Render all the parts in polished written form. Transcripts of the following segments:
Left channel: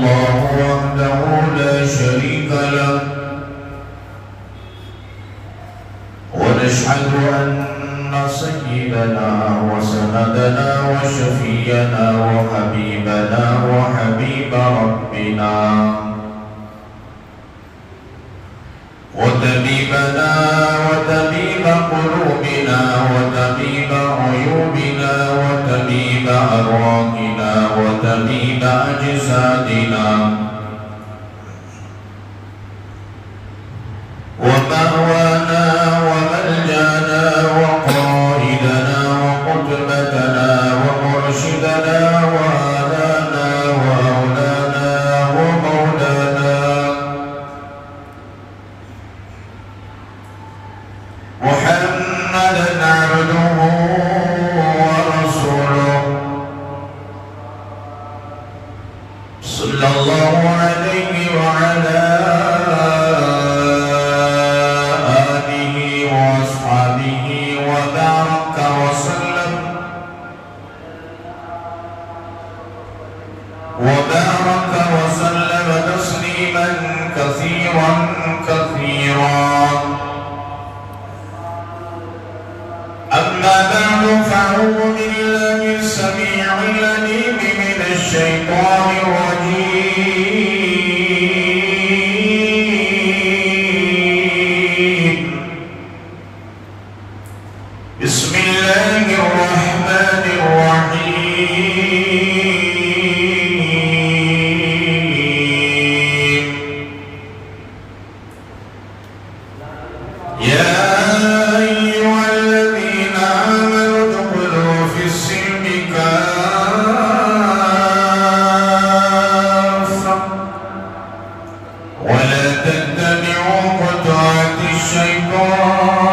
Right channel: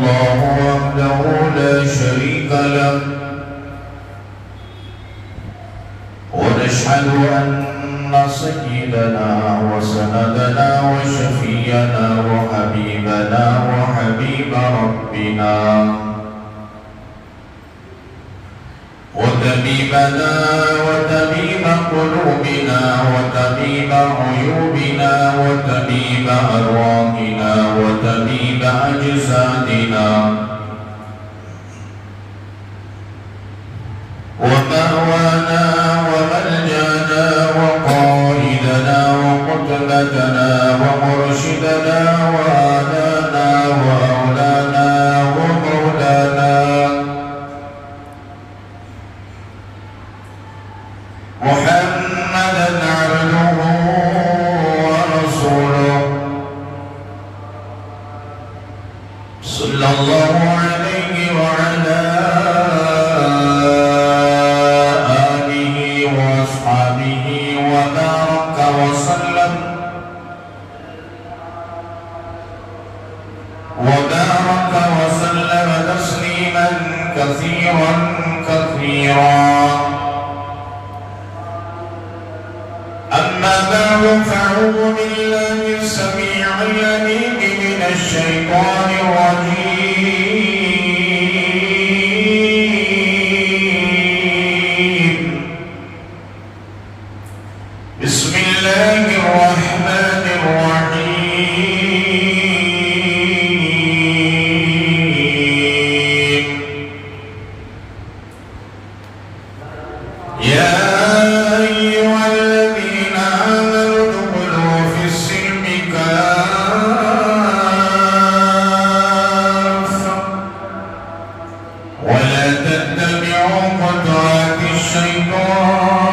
الله وحده لا شريك له ونشهد أن سيدنا وسندنا وشفينا وحبيبنا وحبيب ربنا وطبيبنا وطبيب قلوبنا وطبيب عيوبنا وطبيب أرواحنا وطبيب أجسادنا ومأوانا وملجانا وقائدنا وقطبتنا ومرشدنا وآلانا وأولانا ومولانا محمدا عبده ورسوله صلى الله عليه وعلى آله وأصحابه وبارك وسلم تسليما كثيرا كثيرا. أما بعد فأعوذ بالله السميع العليم من الشيطان الرجيم. بسم الله الرحمن الرحيم. يا أيها الذين آمنوا ادخلوا في السلم كافة ولا تتبعوا خطوات الشيطان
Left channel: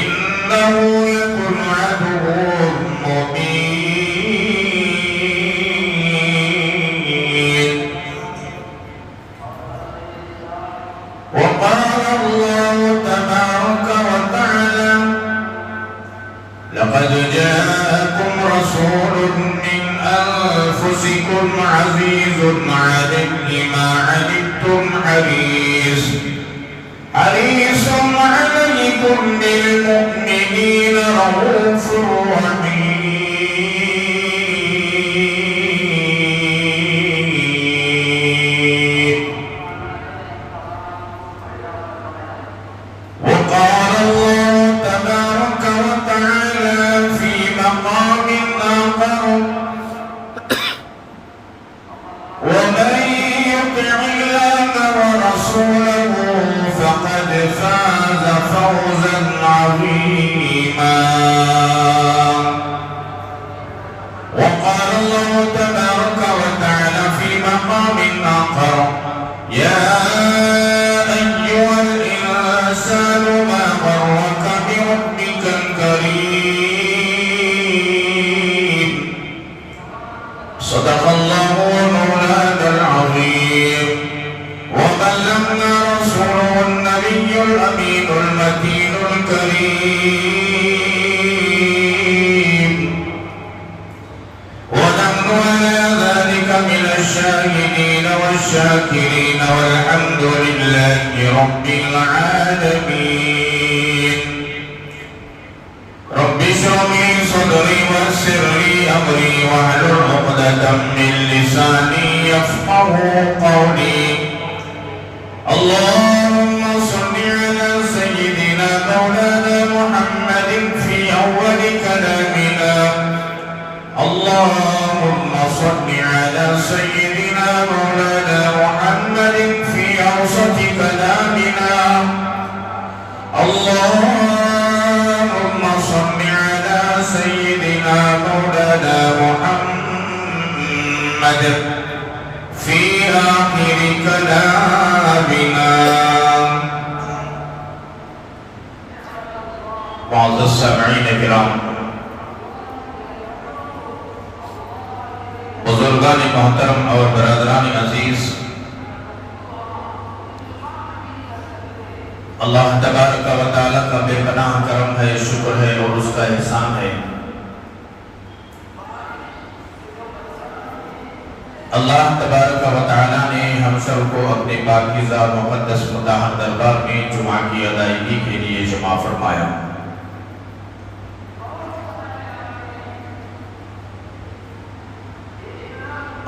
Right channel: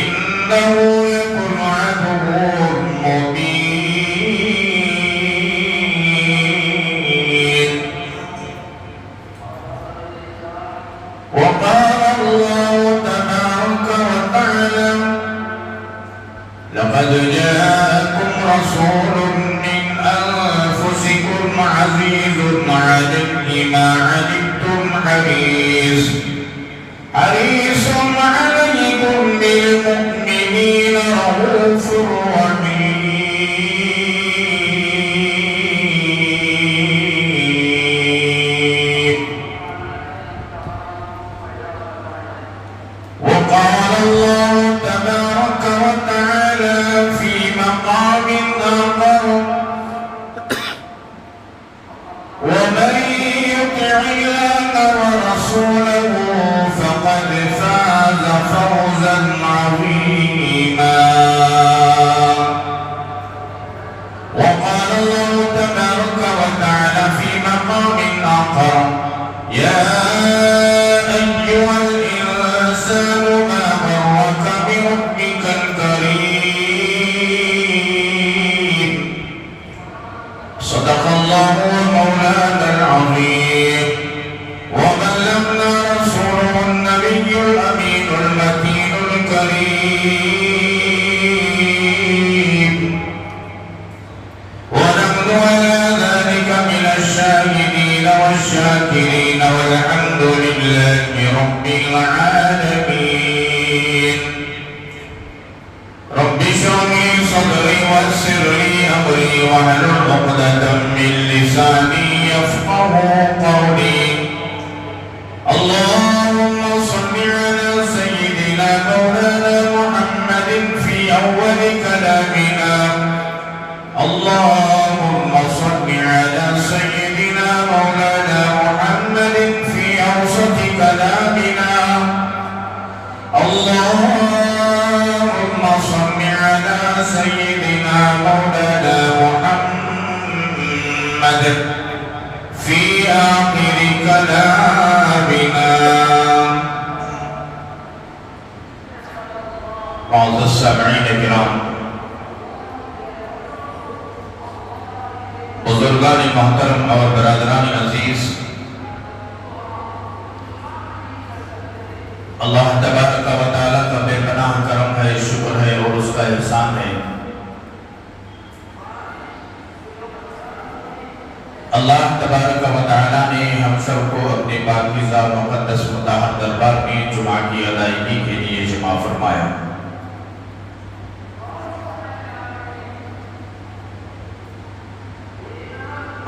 إنه لكم عدو مبين. وقال الله تبارك وتعالى لقد جاءكم رسول من أنفسكم عزيز عليه ما عنتم حريص عليكم بالمؤمنين رؤوف رحيم. وقال الله تبارك وتعالى في مقام آخر ومن يطع الله ورسوله فقد فاز فوزا عظيما. وقال الله تبارك وتعالى في مقام آخر يا أيها الإنسان ما غرك بربك الكريم. صدق الله مولانا العظيم وبلغنا رسوله النبي الأمين المتين الكريم ونحن على ذلك من الشاهدين والشاكرين والحمد لله رب العالمين. رب اشرح لي صدري ويسر لي أمري واحلل عقدة من لساني يفقهوا قولي. اللهم صل على سيدنا مولانا محمد في أول كلامنا. اللهم صل على سيدنا مولانا محمد في أوسط كلامنا. اللهم صل على سيدنا مولانا محمد في آخر كلامنا. معزز السامعین کرام، بزرگان محترم اور برادران عزیز، اللہ تبارک و تعالیٰ کا بے پناہ کرم ہے، شکر ہے اور اس کا احسان ہے اللہ تبارک و تعالیٰ نے ہم سب کو اپنے پاکیزہ مقدس مطہر دربار میں جمعہ کی ادائیگی کے لیے جمع فرمایا۔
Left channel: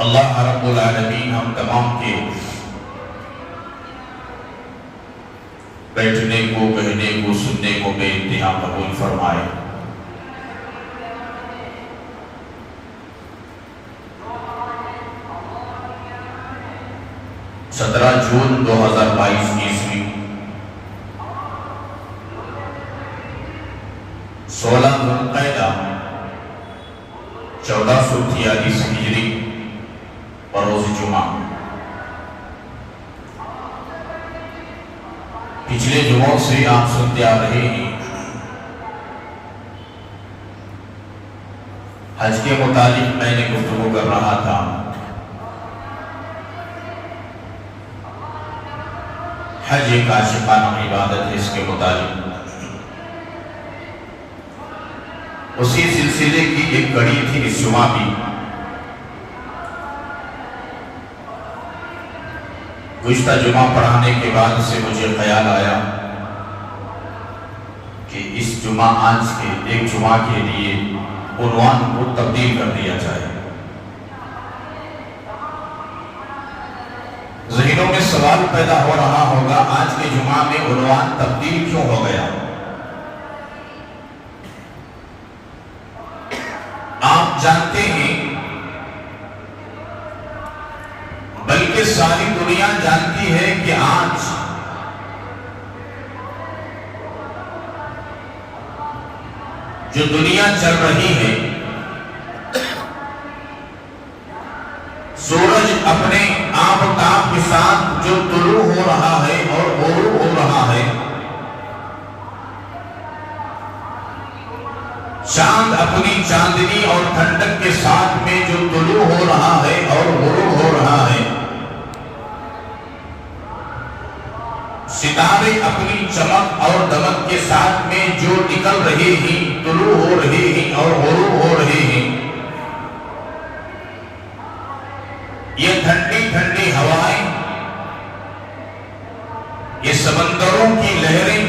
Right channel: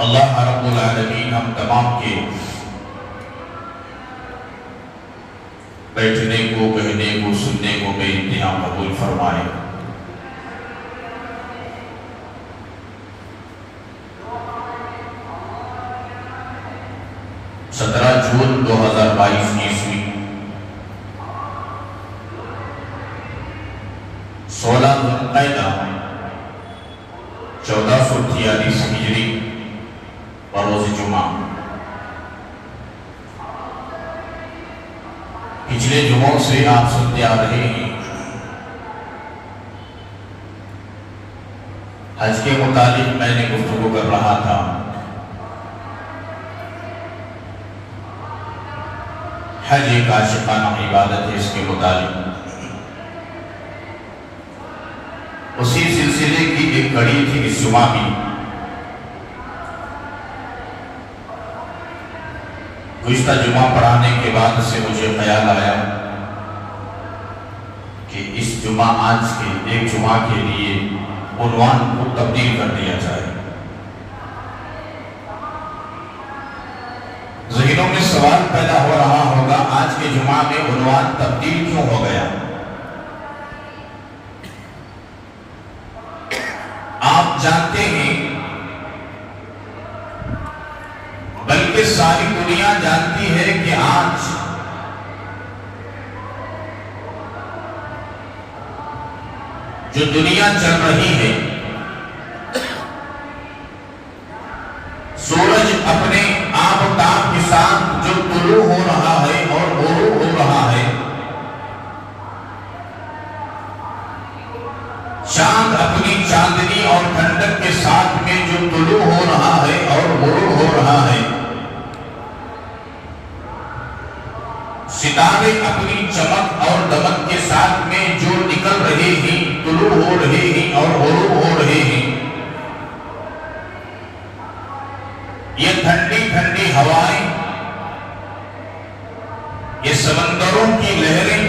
اللہ رب العالمین ہم تمام کے بیٹھنے کو، کہنے کو، سننے کو بے انتہا قبول فرمائے۔ 17 جون 2022 عیسوی 16 ذوالقعدہ 1443 ہجری اور روز جمعہ۔ پچھلے جمعوں سے آپ سنتے آ رہے ہیں حج کے متعلق میں نے گفتگو کر رہا تھا۔ حج ایک عاشقانہ عبادت ہے، اس کے متعلق اسی سلسلے کی ایک کڑی تھی اس جمعہ بھی۔ گزشتہ جمعہ پڑھانے کے بعد سے مجھے خیال آیا کہ اس جمعہ آج کے ایک جمعہ کے لیے عنوان کو تبدیل کر دیا جائے۔ ذہنوں میں سوال پیدا ہو رہا ہوگا، آج کے جمعہ میں عنوان تبدیل کیوں ہو گیا؟ آپ جانتے ہیں، بلکہ ساری دنیا جانتی ہے کہ آج جو دنیا چل رہی ہے، سورج اپنے آفتاب کے ساتھ جو طلوع ہو رہا ہے اور غروب ہو رہا ہے، چاند اپنی چاندنی اور ٹھنڈک کے ساتھ میں جو طلوع ہو رہا ہے اور غروب ہو رہا ہے، ستارے اپنی چمک اور دمک کے ساتھ میں جو نکل رہے ہیں، طلوع ہو رہے ہیں اور غروب ہو رہے ہیں، یہ ٹھنڈی ٹھنڈی ہوائیں، یہ سمندروں کی لہریں،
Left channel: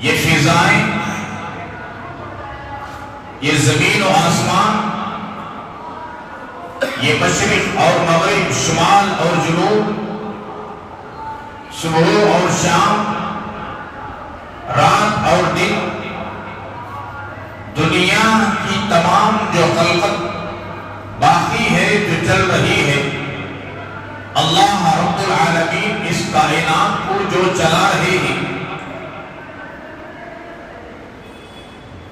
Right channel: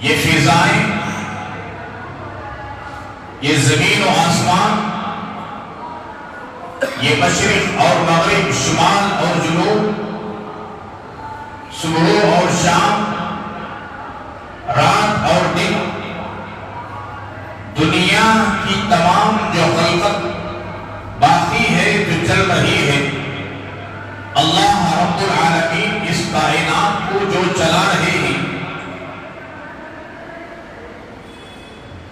یہ فضائیں، یہ زمین و آسمان، یہ مشرق اور مغرب، شمال اور جنوب، صبح اور شام، رات اور دن، دنیا کی تمام جو خلقت باقی ہے، جو چل رہی ہے، اللہ رب العالمین اس کائنات کو جو چلا رہے ہیں،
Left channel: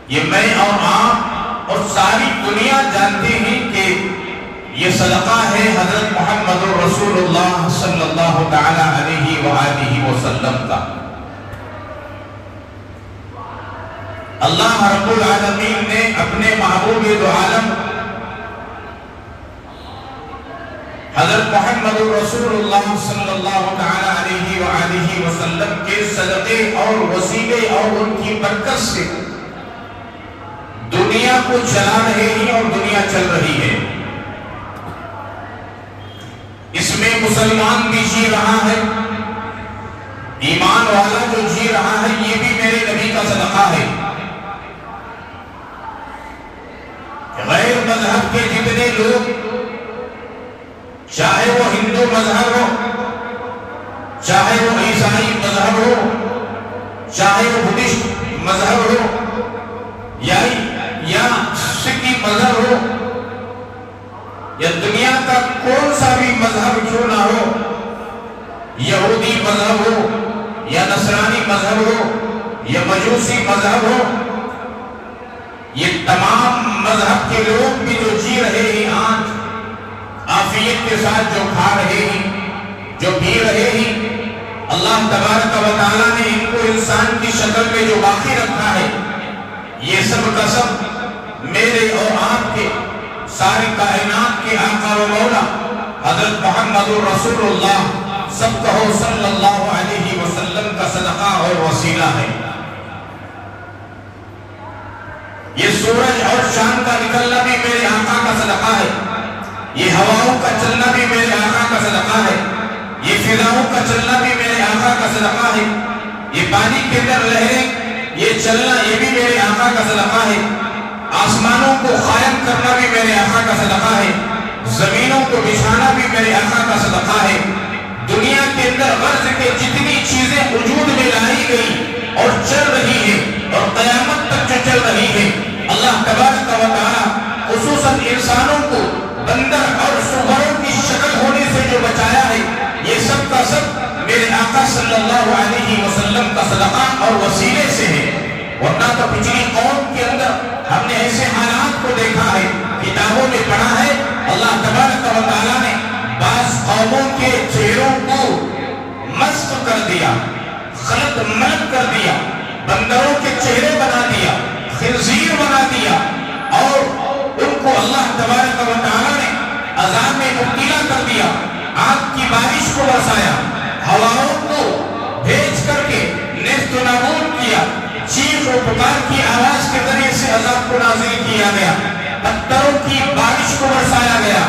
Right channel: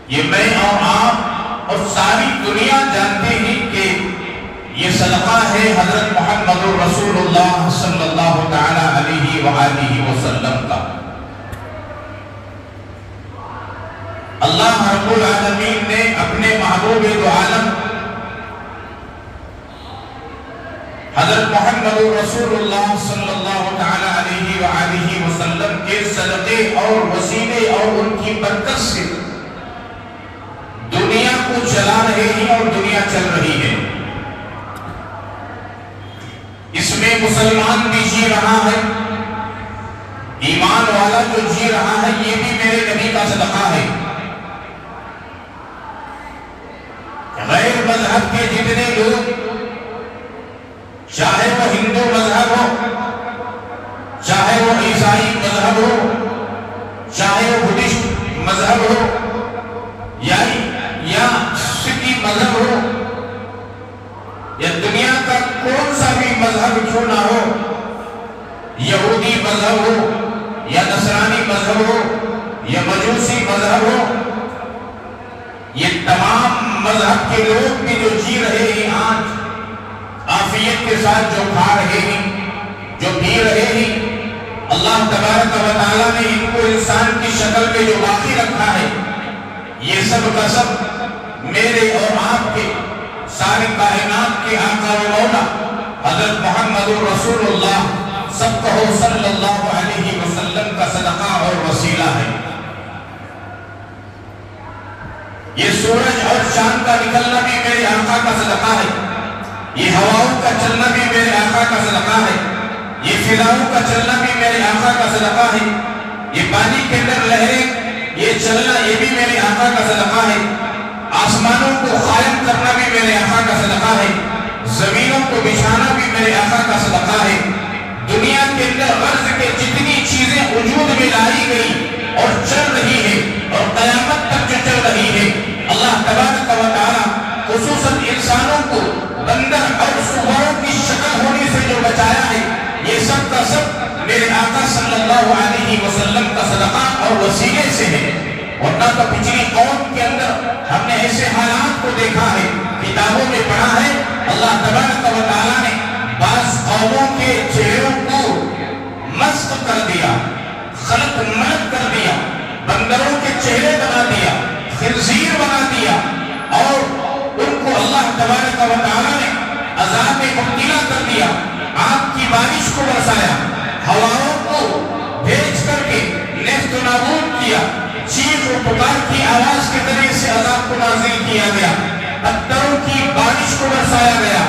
یہ میں اور آپ اور ساری دنیا جانتے ہیں کہ یہ صدقہ ہے حضرت محمد رسول اللہ صلی اللہ تعالی علیہ وآلہ وسلم کا۔ اللہ رب العالمین نے اپنے محبوب دو عالم حضرت محمد رسول اللہ صلی اللہ تعالی علیہ وآلہ وسلم کے صدقے اور وسیلے اور ان کی برکت سے دنیا کو چلا رہے ہیں اور دنیا چل رہی ہے۔ اس میں مسلمان بھی جی رہا ہے، ایمان والا جو جی رہا ہے، یہ بھی میرے نبی کا صدقہ ہے۔ غیر مذہب کے جتنے لوگ، چاہے وہ ہندو مذہب ہو، چاہے وہ عیسائی مذہب ہو، چاہے وہ بدھسٹ مذہب ہو، یا سکھی مذہب ہو، یا دنیا کا کون سا بھی مذہب کیوں نہ ہو، یہودی مذہب ہو یا نصرانی مذہب ہو یا مجوسی مذہب ہو، یہ تمام مذہب کے لوگ بھی جو جی رہے ہیں، آج عافیت کے ساتھ جو کھا رہے ہیں، جو پی رہے ہیں، اللہ تبارک و تعالیٰ نے ان کو انسان کی شکل میں جو باقی رکھا ہے، یہ سب کا سب میرے اور آپ کے ساری کائنات کے آقا و مولا حضرت محمد رسول اللہ سب کہو صلی اللہ علیہ وسلم کا صدقہ اور وسیلہ ہے۔ یہ سورج اور چاند کا نکلنا بھی میرے آقا کا صدقہ ہے۔ یہ ہواؤں کا چلنا بھی میرے آقا کا صدقہ ہے، یہ فضاؤں کا چلنا بھی میرے آقا کا صدقہ ہے، یہ پانی کے اندر لہریں یہ چلنا یہ بھی میرے آقا کا صدقہ ہے، آسمانوں کو قائم کرنا بھی میرے آقا کا صدقہ ہے، زمینوں کو بچھانا بھی میرے آقا کا صدقہ ہے، دنیا کے اندر غرض کے جتنی چیزیں وجود میں لائی گئی اور چل رہی ہے اور قیامت تک جو چل رہی ہے، اللہ تبارک و تعالی خصوصاً انسانوں کو بندر اور صبحوں کی شکل ہونے سے جو بچایا ہے، یہ سب کا سب میرے آقا صلی اللہ علیہ وسلم کا صدقہ اور وسیلے سے ہے۔ ورنہ تو پچھلی قوم کے اندر ہم نے ایسے حالات کو دیکھا ہے، کتابوں میں پڑھا ہے، اللہ تبارک و تعالیٰ نے بعض قوموں کے چہروں کو مسخ کر دیا، خلق ملک کر دیا، بندروں کے چہرے بنا دیا، خنزیر بنا دیا، اور ان کو اللہ تبارک و تعالیٰ نے عذاب میں مبتلا کر دیا، آگ کی بارش کو برسایا، ہواؤں کو بھیج کر کے نیست و نابود کیا، چیخ و پکار کی آواز کے ذریعے سے عذاب کو نازل کیا گیا، پتھروں کی بارش کو برسایا گیا،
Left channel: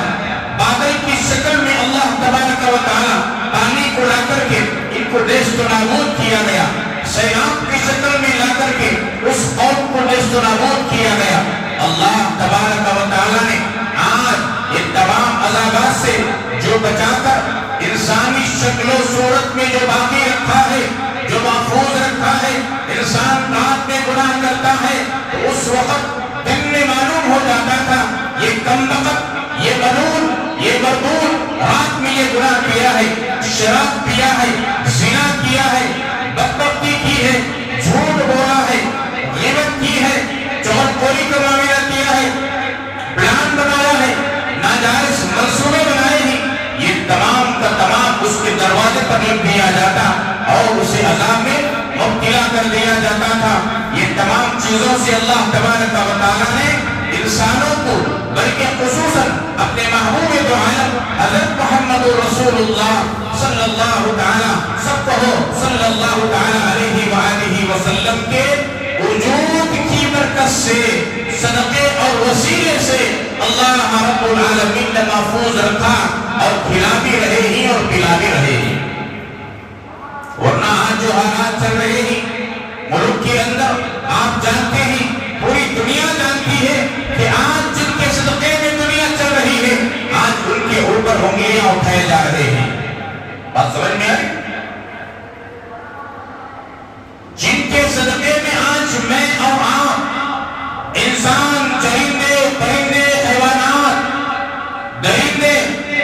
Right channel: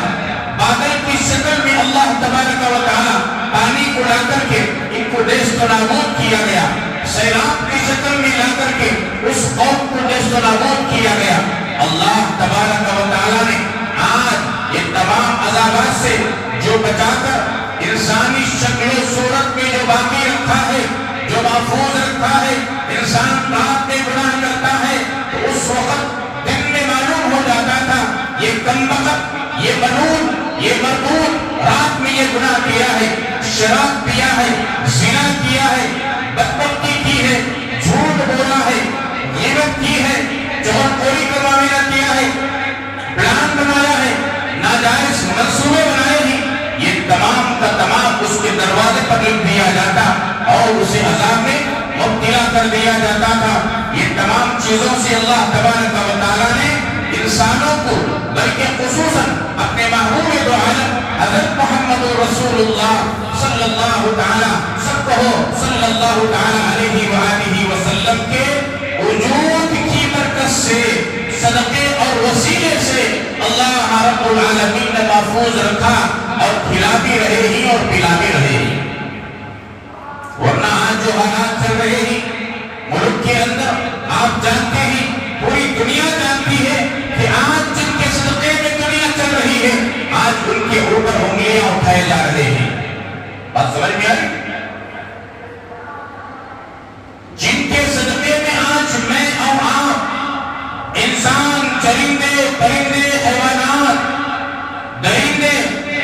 بادل کی شکل میں اللہ تبارک و تعالی پانی کو لا کر کے ان کو نیست و نابود کیا گیا، سیلاب کی شکل میں لا کر کے اس قوم کو نیست و نابود کیا گیا۔ اللہ تبارک و تعالی نے آج یہ تمام عذابات سے جو بچا کر انسانی شکل و صورت میں جو باقی رکھا ہے، جو محفوظ رکھا ہے، انسان رات میں گناہ کرتا ہے تو اس وقت دن میں معلوم ہو جاتا تھا یہ کمبخت، یہ ملعون، یہ مربوط رات میں یہ گناہ کیا ہے، شراب پیا ہے، زنا کیا ہے، بدبختی کی ہے، جھوٹ بولا ہے، غیبت کی ہے، چغلخوری کا معاملہ کیا ہے، پلان بنایا ہے، ناجائز منصوبے بنائے ہیں، یہ تمام کا تمام اس کے دروازے پر لگ دیا جاتا اور اسے عذاب میں مبتلا کر دیا جاتا تھا۔ یہ تمام چیزوں سے اللہ تبارک و تعالیٰ نے انسانوں کو بلکہ خصوصاً اپنے محبوب دو عالم حضرت محمد رسول اللہ صلی اللہ تعالیٰ صلی اللہ تعالیٰ علیہ وآلہ وسلم کے وجود کی برکت سے، صدقے اور وسیلے سے اللہ رب العالمین نے محفوظ رکھا اور کھلا بھی رہے ہی اور پلا بھی رہے ہی۔ ورنہ آج جو حالات چل رہے ہیں ملک کے اندر، آپ جانتے ہیں، پوری دنیا جانتی ہے کہ آج جن کے صدقے میں دنیا چل رہی ہے، آج ان کے اوپر انگلیاں اٹھائے جا رہے ہیں۔ بات سمجھ میں آئی؟ جن کے صدقے میں آج میں اور آپ، انسان، چرندے، پرندے، حیوانات، درندے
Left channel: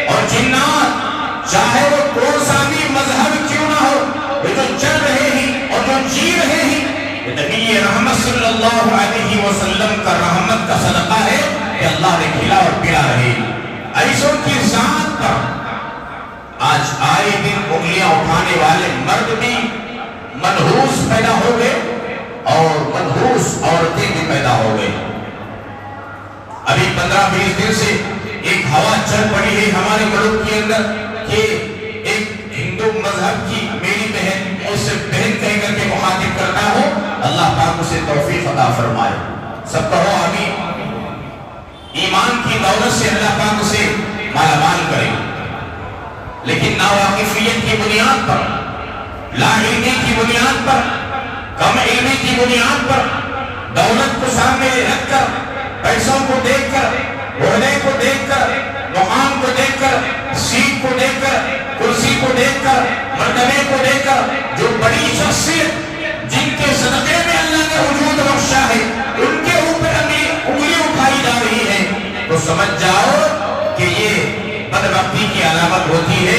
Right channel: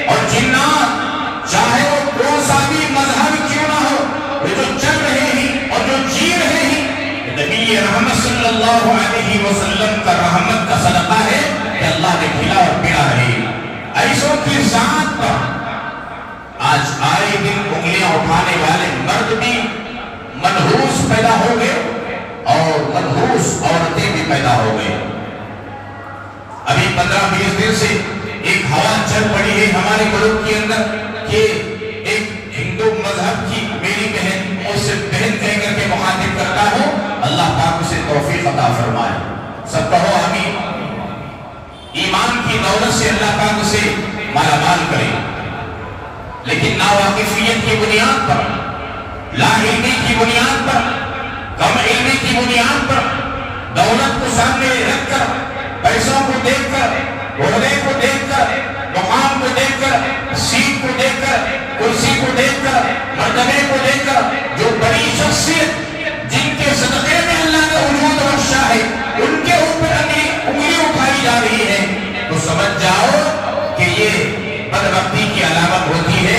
اور جنات، چاہے وہ کون سا بھی مذہب کیوں نہ ہو، وہ جو چل رہے ہیں اور جو جی رہے ہیں، نبی رحمت صلی اللہ علیہ وسلم کا رحمت کا صدقہ ہے کہ اللہ نے کھلا اور پلا رہے۔ ایسوں کی ذات پر آج آئے دن انگلیاں اٹھانے والے مرد بھی منحوس پیدا ہو گئے اور منحوس عورتیں بھی پیدا ہو گئے۔ ابھی 15-20 دن سے ایک ہوا چل پڑی ہے ہمارے ملک کے اندر کہ ایک ہندو مذہب کی میری بہن، مجھ سے بہن کہہ کر کے مخاطب کرتا ہوں، اللہ پاک اسے توفیق عطا فرمائے، سب کہو آمین۔ ایمان کی دولت سے اللہ پاک اسے مالا مال کرے، لیکن ناواقفیت کی بنیاد پر، لا علمی کی بنیاد پر، کم علمی کی بنیاد پر، دولت کو سامنے رکھ کر، پیسوں کو دیکھ کر، عہدے کو دیکھ کر، مقام کو دیکھ کر، سیٹ کو دیکھ کر، کرسی کو دیکھ کر، مرتبے کو دیکھ کر، جو بڑی شخصیت جن کے صدقے میں اللہ نے وجود بخشا ہے، ان کے اوپر انگلی اٹھائی جا رہی ہے، تو سمجھ جاؤ کہ یہ بدبختی کی علامت ہوتی ہے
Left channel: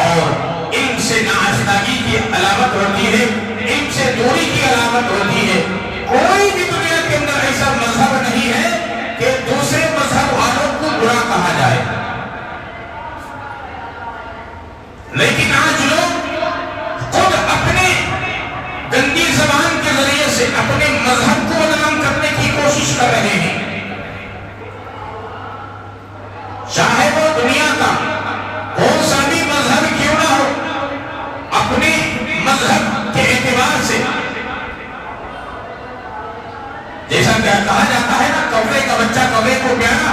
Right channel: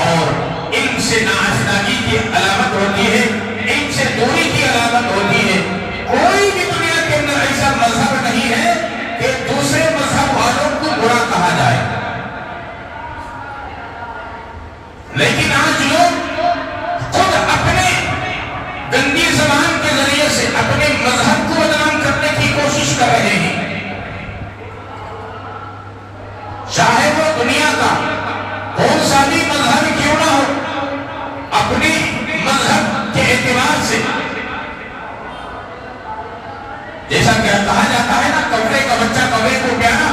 اور علم سے ناآشنائی کی علامت ہوتی ہے، علم سے دوری کی علامت ہوتی ہے۔ کوئی بھی دنیا کے اندر ایسا مذہب نہیں ہے کہ دوسرے مذہب والوں کو برا کہا جائے، لیکن آج لوگ خود اپنے گندی زبان کے ذریعے سے اپنے مذہب کو بدنام کرنے کی کوشش کر رہے ہیں، چاہے وہ دنیا کا کون سا بھی مذہب کیوں نہ ہو، اپنے مذہب کے اعتبار سے، جیسا کہ کہا جاتا ہے نا، کبے کا بچہ کبے کو پیارا،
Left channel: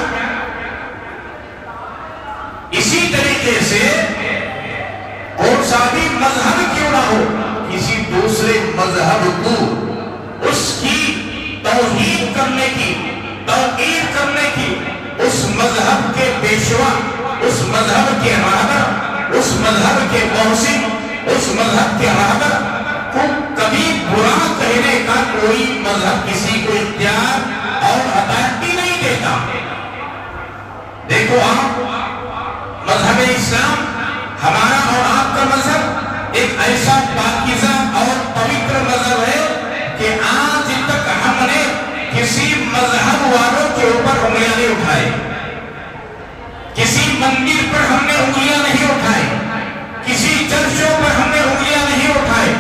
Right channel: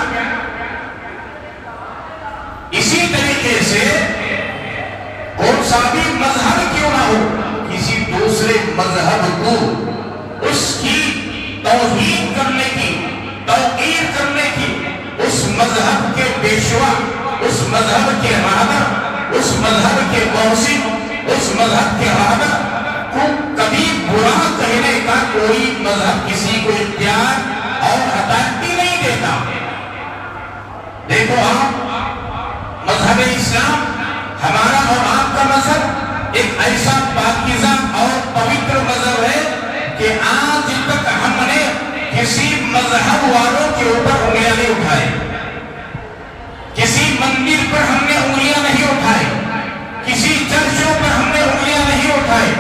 تعمیر کرنے کی اس مذہب کے پیشوا، اس مذہب کے رہبر، اس مذہب کے موسم، اس مذہب کے رہبر کو کبھی برا کہنے کا کوئی مذہب کسی کو اختیار اور اتھارٹی نہیں دیتا۔ دیکھو آپ، مذہب اسلام ہمارا اور آپ کا مذہب ایک ایسا پاکیزہ اور پوتر مذہب ہے کہ آج تک ہم نے کسی مذہب والوں کے اوپر انگلیاں نہیں اٹھائے، کسی مندر پر ہم نے انگلیاں نہیں اٹھائے، کسی چرچوں پر ہم نے انگلیاں نہیں اٹھائے،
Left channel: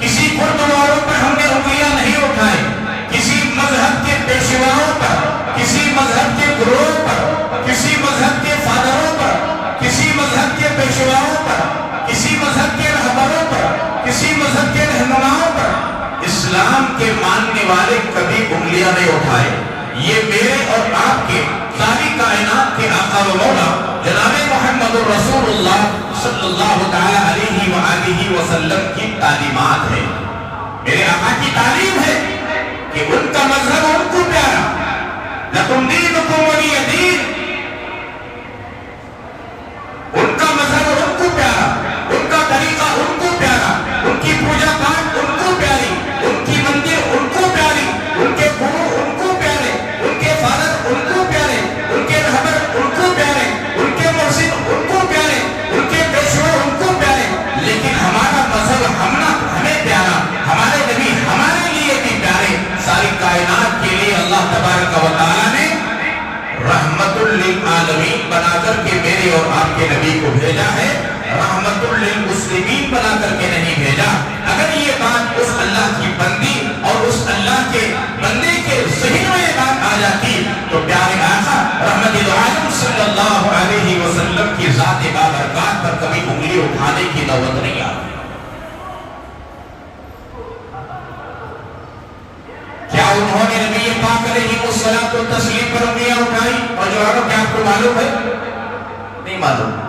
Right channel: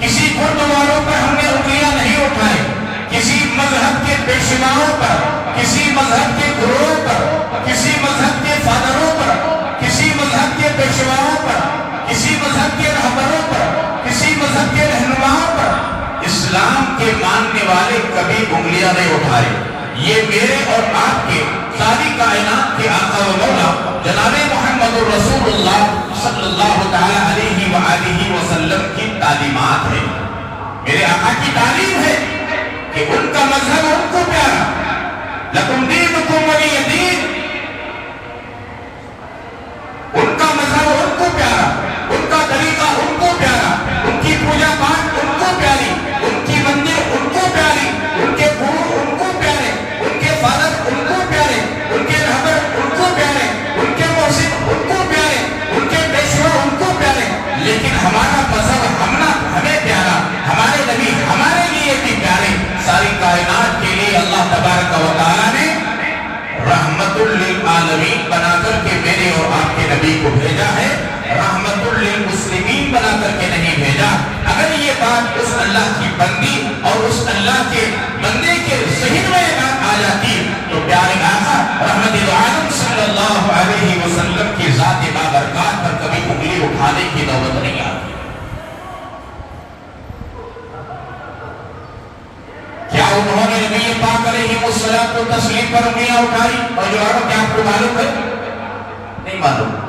کسی گردواروں پر ہم نے انگلیاں نہیں اٹھائے، کسی مذہب کے پیشواؤں پر، کسی مذہب کے گروہ پر، کسی مذہب کے فادروں پر، کسی مذہب کے پیشواؤں پر، کسی مذہب کے رہبروں پر، کسی مذہب کے رہنماؤں پر اسلام کے ماننے والے کبھی انگلیاں نہیں اٹھائے۔ یہ میرے اور آپ کے ساری کائنات کے آقا و مولا جناب محمد رسول اللہ صلی اللہ تعالی علیہ وآلہ وسلم کی تعلیمات ہے۔ میرے آقا کی تعلیم ہے کہ ان کا مذہب ان کو پیارا، لکم دینکم ولی دین، ان کا مذہب ان کو پیارا، ان کا طریقہ ان کو پیارا، ان کی پوجا پاٹ ان کو پیاری، ان کی مندر ان کو پیاری، ان کے گرو ان کو پیارے، ان کے فادر ان کو پیارے، ان کے رہبر ان کو پیارے، ان کے مرشد ان کو پیارے، ان کے پیشوا ان کو پیارے، لیکن ہمارا مذہب ہمیں پیارا، ہمارے نبی ہمارے لیے بھی پیارے۔ ساری کائنات کے لیے اللہ تبارک و تعالیٰ نے رحمت للعالمین بنا کر کے میرے اور آپ کے نبی کو بھیجا ہے، رحمت للمسلمین بنا کر کے نہیں بھیجا۔ اگر یہ بات اس اللہ کی بندی اور اس اللہ کے بندے کے ذہن میں یہ بات آ جاتی تو پیارے آقا رحمت العالم صلی اللہ علیہ وسلم کی ذات بابرکات پر کبھی انگلی اٹھانے کی نوبت نہیں آتی۔ کیا انہوں نے نبی پاک علیہ السلام کو تسلیم پر انگلیاں اٹھائی؟ اور جواب کیا آپ کو معلوم ہے؟ نہیں معلوم۔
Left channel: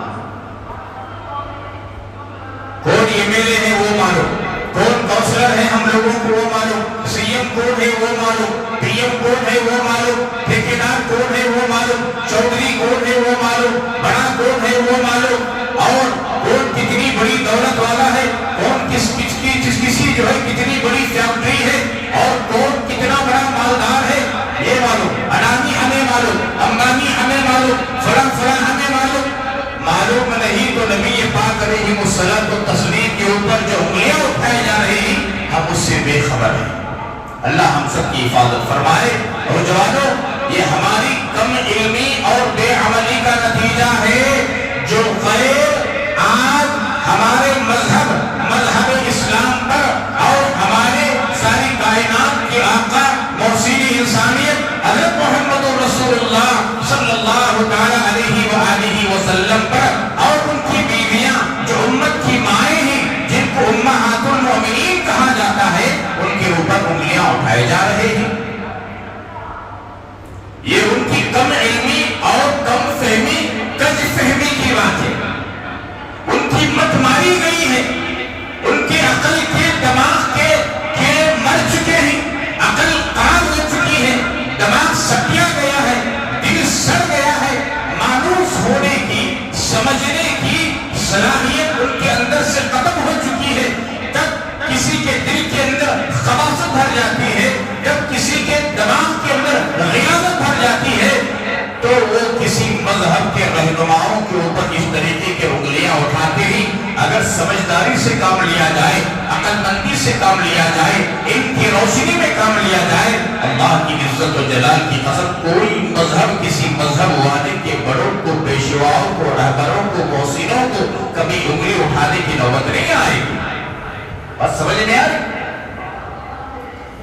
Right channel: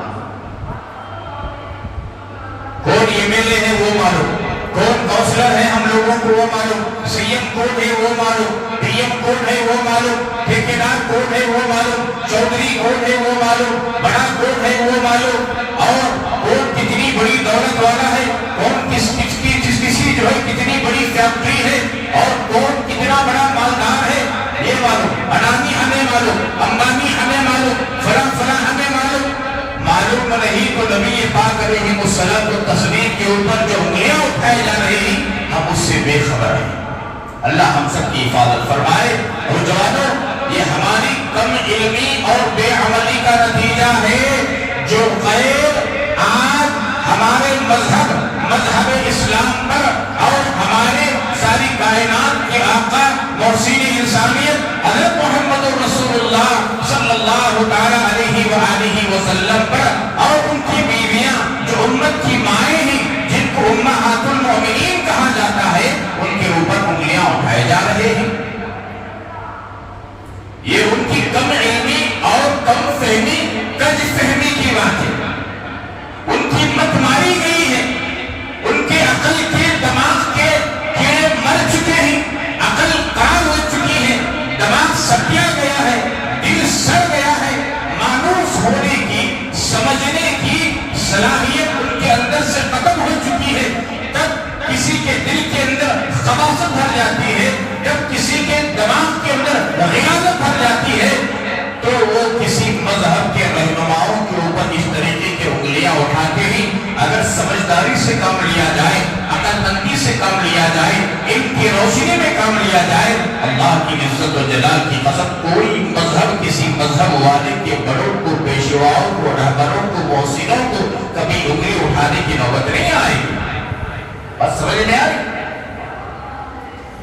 کون ایم ایل اے ہے وہ معلوم، کون کونسلر ہے ہم لوگوں کو وہ معلوم، سی ایم کون ہے وہ معلوم، پی ایم کون ہے وہ معلوم، ٹھیکیدار کون ہے وہ معلوم، چودھری کون ہے وہ معلوم، بڑا کون ہے وہ معلوم، اور کون کتنی بڑی دولت والا ہے، کون کسی جو ہے کتنی بڑی فیکٹری ہے، اور کون کتنا بڑا مالدار ہے یہ معلوم، اڈانی ہمیں معلوم، امبانی ہمیں معلوم، فلاں ہمیں معلوم نہیں تو نبی پاک علیہ السلام کو تسلیم کے اوپر جو انگلیاں اٹھائے جا رہی ہیں ہم اس سے بے خبر ہیں۔ اللہ ہم سب کی حفاظت فرمائے۔ اور جوانوں، یہ ہماری کم علمی اور بے عملی کا نتیجہ ہے جو غیر آج ہمارے مذہب اسلام پر اور ہمارے ساری کائنات کے آقا موصول انسانیت حضرت محمد رسول اللہ صلی اللہ تعالی علیہ وآلہ وسلم پر اور ان کی بیویاں جو امت کی مائیں ہیں جن کو امہات المؤمنین کہا جاتا ہے ان کے اوپر انگلیاں اٹھائے جا رہے ہیں۔ یہ ان کی کم علمی اور کم فہمی کج فہمی کی بات ہے، ان کی مت ماری گئی ہے، ان کے عقل کے دماغ کے مر چکے ہیں، عقل خراب ہو چکی ہے، دماغ سٹیا گیا ہے، دل سڑ گیا ہے، مانوس ہونے کی سمجھنے کی صلاحیت ان کے اندر سے ختم ہو چکی ہے۔ جب کسی کے دل کے اندر خباثت بھر جاتی ہے، جب کسی کے دماغ کے اندر غیاضت بھر جاتی ہے تو وہ کسی مذہب کے رہنماؤں کے اوپر اس طریقے کے انگلیاں اٹھاتے ہی اگر سمجھداری سے کام لیا جائے، عقل مندی سے کام لیا جائے، ان کی روشنی میں کام لیا جائے، اللہ کی عزت و جلال کی قسم کوئی مذہب کسی مذہب والے کے بڑوں کو، پیشواؤں کو، رہبروں کو، موصلوں کو کبھی انگلی اٹھانے کی نوبت نہیں آئے گی۔ بس سمجھ نہیں آئی؟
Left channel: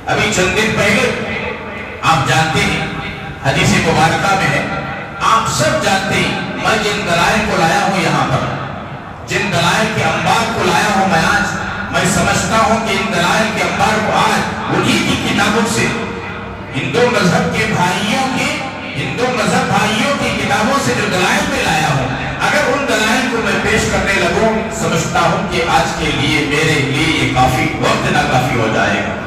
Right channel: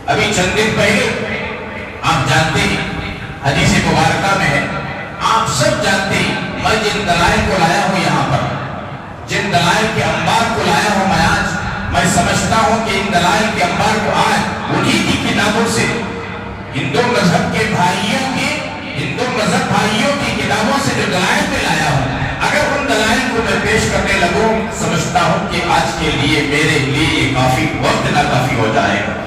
ابھی چند دن پہلے آپ جانتے ہیں حدیث مبارکہ میں ہے، آپ سب جانتے ہیں، میں جن دلائل کو لایا ہوں یہاں پر، جن دلائل کے انبار کو لایا ہوں میں آج، میں سمجھتا ہوں کہ ان دلائل کے انبار کو آج انہی کی کتابوں سے، ہندو مذہب کے بھائیوں کی، ہندو مذہب بھائیوں کی کتابوں سے جو دلائل میں لایا ہوں، اگر ان دلائل کو میں پیش کرنے لگوں سمجھتا ہوں کہ آج کے لیے میرے لیے یہ کافی وقت ناکافی ہو جائے گا۔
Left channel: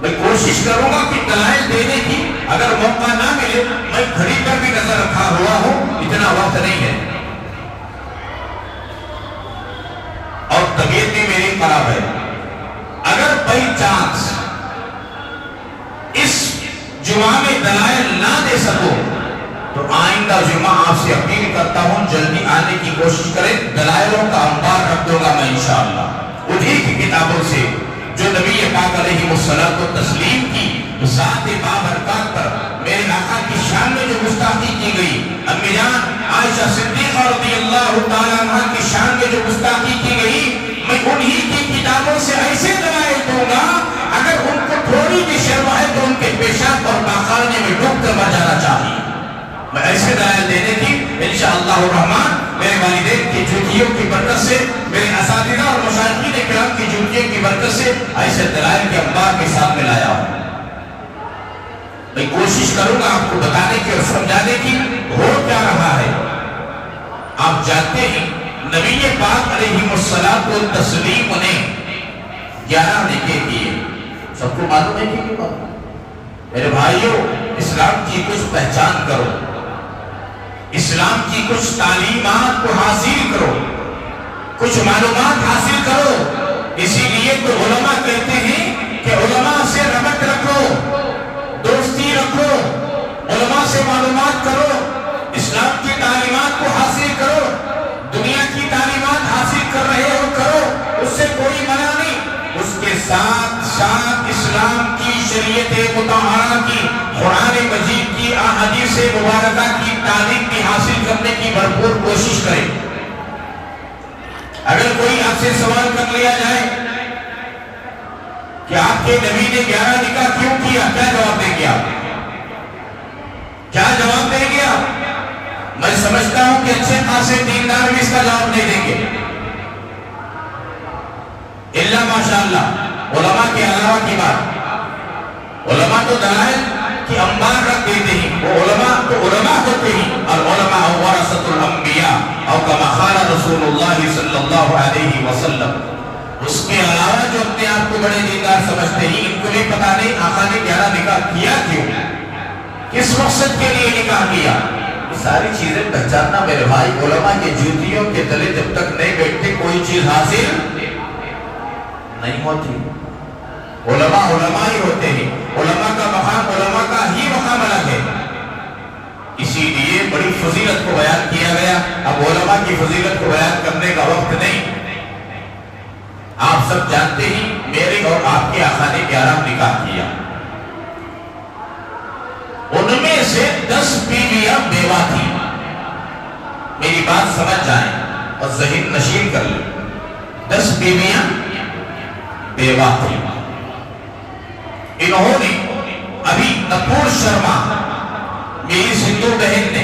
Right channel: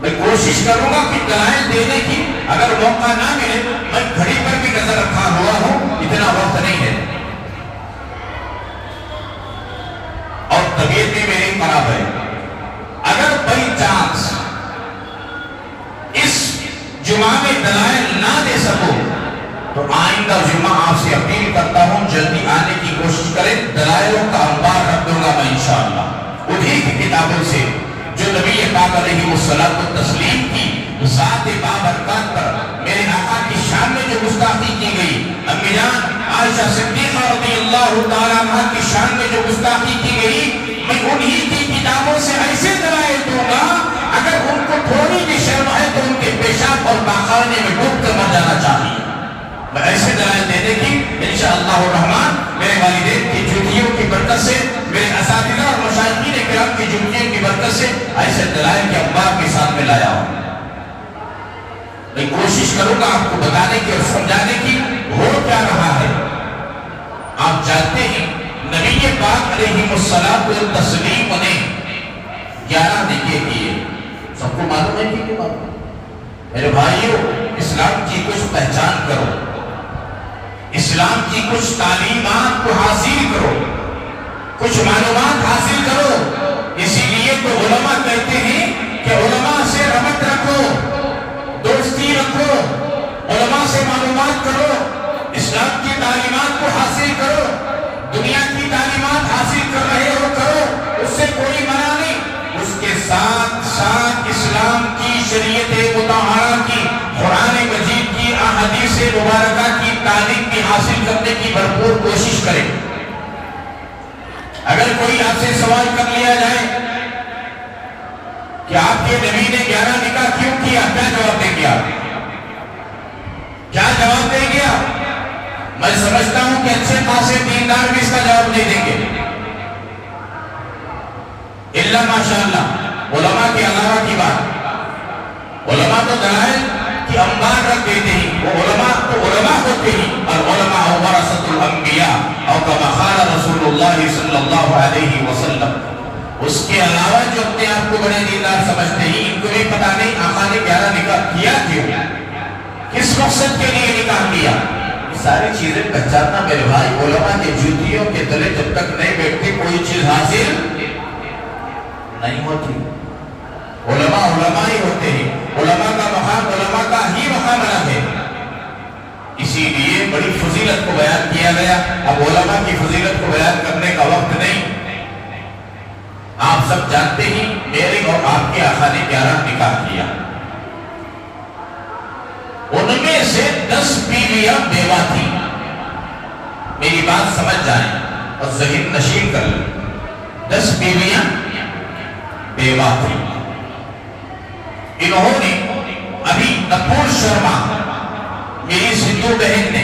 میں کوشش کروں گا کہ دلائل دینے کی اگر موقع نہ ملے، میں گھڑی پر بھی نظر رکھا ہوا ہوں، اتنا وقت نہیں ہے اور طبیعت بھی میری خراب ہے۔ اگر بائی چانس اس جمعہ میں دلائل نہ دے سکو تو آئندہ جمعہ آپ سے اپیل کرتا ہوں جلدی آنے کی کوشش کریں، دلائلوں کا انبار رکھ دوں گا میں انشاءاللہ انہی کی کتابوں سے جو نبی پاک علیہ الصلوۃ والتسلیم کی ذات بابرکات پر میرے آقا کی شان میں جو گستاخی کی گئی، امی جان عائشہ صدیقہ رضی اللہ تعالیٰ عنہ کی شان میں جو گستاخی کی گئی، میں انہی کی کتابوں سے ایسے دلائل دوں گا اگر ان کو تھوڑی بھی شرم ہے تو ان کے پیشاب اور پاخانے میں ڈوب کر مر جانا چاہیے۔ میں ایسے دلائل دینے کی انشاءاللہ الرحمن میرے والدین کی جوتیوں کی برکت سے، میرے اساتذہ اور مشائخین کرام کی جوتیوں کی برکت سے ایسے دلائل کے انبار کے ساتھ میں لایا ہوں۔ میں کوشش کروں گا آپ کو بتانے کی اور سمجھانے کی ہو کیا رہا ہے۔ آپ جانتے ہیں نبی پاک علیہ الصلوۃ والتسلیم نے 11 نکاح کیے، سب کو معلوم ہے کہ کیوں معلوم؟ میرے بھائیوں، اسلام کی کچھ پہچان کرو، اسلام کی کچھ تعلیمات کو حاصل کرو، کچھ معلومات حاصل کرو۔ اسی لیے تو علماء کہتے ہیں کہ علماء سے ربط رکھو، دوستی رکھو، علماء سے معلومات کرو، اسلام کی تعلیمات کو حاصل کرو۔ دنیا کی تعلیمات حاصل کر رہے ہو کرو، اس سے کوئی منع نہیں، اس کے ساتھ ساتھ اسلام کی شریعت مطہرہ کی، قرآن مجید کی، احادیث مبارکہ کی تعلیم کی حاصل کرنے کی بھرپور کوشش کریں۔ اگر کوئی آپ سے سوال کر لیا جائے کہ آپ کے نبی نے 11 نکاح کیوں کیا، کیا جواب دیں گے آپ؟ کیا جواب دیں گے آپ؟ میں سمجھتا ہوں کہ اچھے خاصے دیندار بھی اس کا جواب نہیں دیں گے، الا ماشاءاللہ علماء کے علاوہ کی بات۔ علماء تو دلائل کی انبار رکھ دیتے ہیں، وہ علماء ہوتے ہیں، اور علماء ورثۃ الانبیاء اور کما قال رسول اللہ صلی اللہ علیہ وسلم۔ اس کے علاوہ جو اپنے آپ کو بڑے دیندار سمجھتے ہیں، ان کو بھی پتا نہیں آقا نے 11 نکاح کیا کیوں، کس مقصد کے لیے نکاح کیا۔ یہ ساری چیزیں پہچاننا میرے بھائی، علماء کے جوتیوں کے تلے جب تک نہیں بیٹھتے کوئی چیز حاصل نہیں ہوتی۔ علماء ہی ہوتے ہیں، علماء کا مقام علماء کا ہی مقام الگ ہے، اسی لیے بڑی فضیلت کو بیان کیا گیا۔ اب علماء کی فضیلت کو بیان کرنے کا وقت نہیں۔ آپ سب جانتے ہی میرے اور آپ کے آقا نے 11 نکاح کیا، ان میں سے 10 بیویاں بیوہ تھی۔ میری بات سمجھ جائیں اور ذہن نشین کر لیں، 10 بیویاں بیوہ تھی۔ انہوں نے ابھی نپور شرما میری سندھو بہن نے،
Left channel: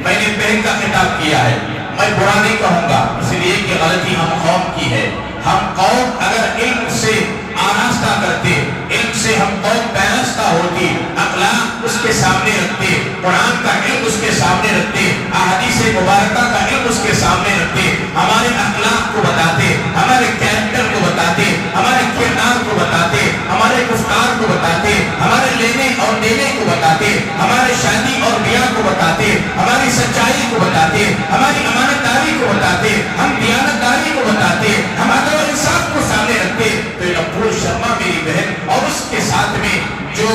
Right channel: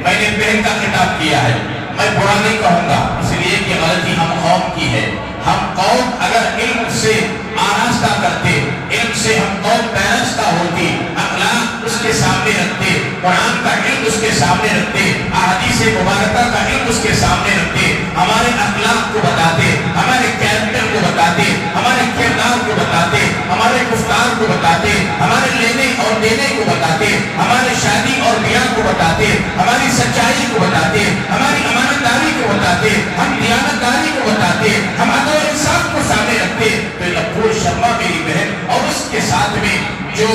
میں نے بہن کا خطاب کیا ہے، میں برا نہیں کہوں گا اس لیے کہ غلطی ہم قوم کی ہے۔ ہم قوم اگر علم سے آراستہ کرتے، علم سے ہم قوم پیراستہ ہوتی، اخلاق اس کے سامنے رکھتے، قرآن کا علم اس کے سامنے رکھتے، احادیث مبارکہ کا علم اس کے سامنے رکھتے، ہمارے اخلاق کو بتاتے، ہمارے کیریکٹر کو بتاتے، ہمارے کردار کو بتاتے، ہمارے گفتار کو بتاتے، ہمارے لینے اور دینے کو بتاتے، ہمارے شادی اور بیاہ کو بتاتے، ہماری سچائی کو بتاتے، ہماری امانت داری کو بتاتے، ہم دیانت داری کو بتاتے، ہم عدل و انصاف کو سامنے رکھتے۔ تو نپور شرما میری بہن اور اس کے ساتھ میں جو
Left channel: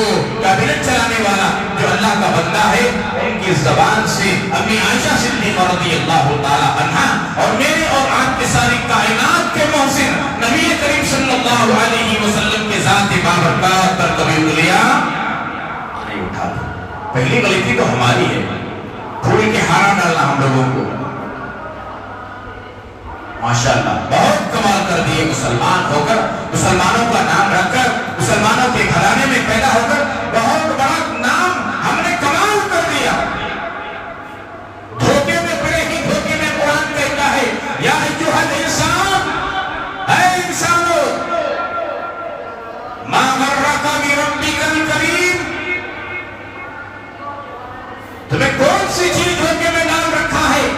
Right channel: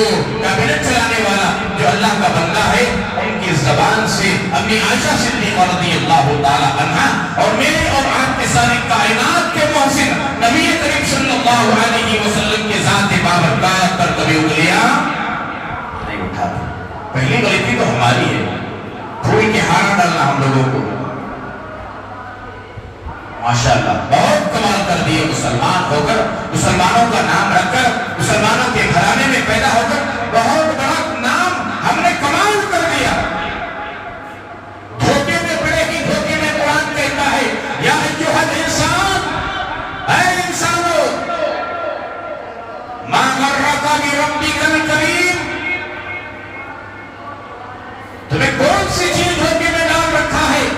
کابینٹ چلانے والا جو اللہ کا بندہ ہے، ان کی زبان سے اپنی عائشہ صدیقہ رضی اللہ تعالی عنہا اور میرے اور آپ کے ساری کائنات کے محسن نبی کریم صلی اللہ علیہ وسلم کے ذات بابرکات پر کبھی انگلیاں نہیں اٹھاتے۔ پہلی غلطی تو ہماری ہے، پھول کے ہار ڈالنا ہم لوگوں کو۔ ماشاءاللہ بہت کمال کر دیے، مسلمان ہو کر، مسلمانوں کا نام رکھ کر، مسلمانوں کے گھرانے میں پیدا ہو کر بہت بڑا نام ہم نے کمال کر دیا۔ دھوکے میں پڑے ہی دھوکے میں قرآن کہتا ہے یا ایھا الانسان، اے انسانو ما غرک بربک الکریم، تمہیں کون سی چیز دھوکے میں ڈال رکھا ہے؟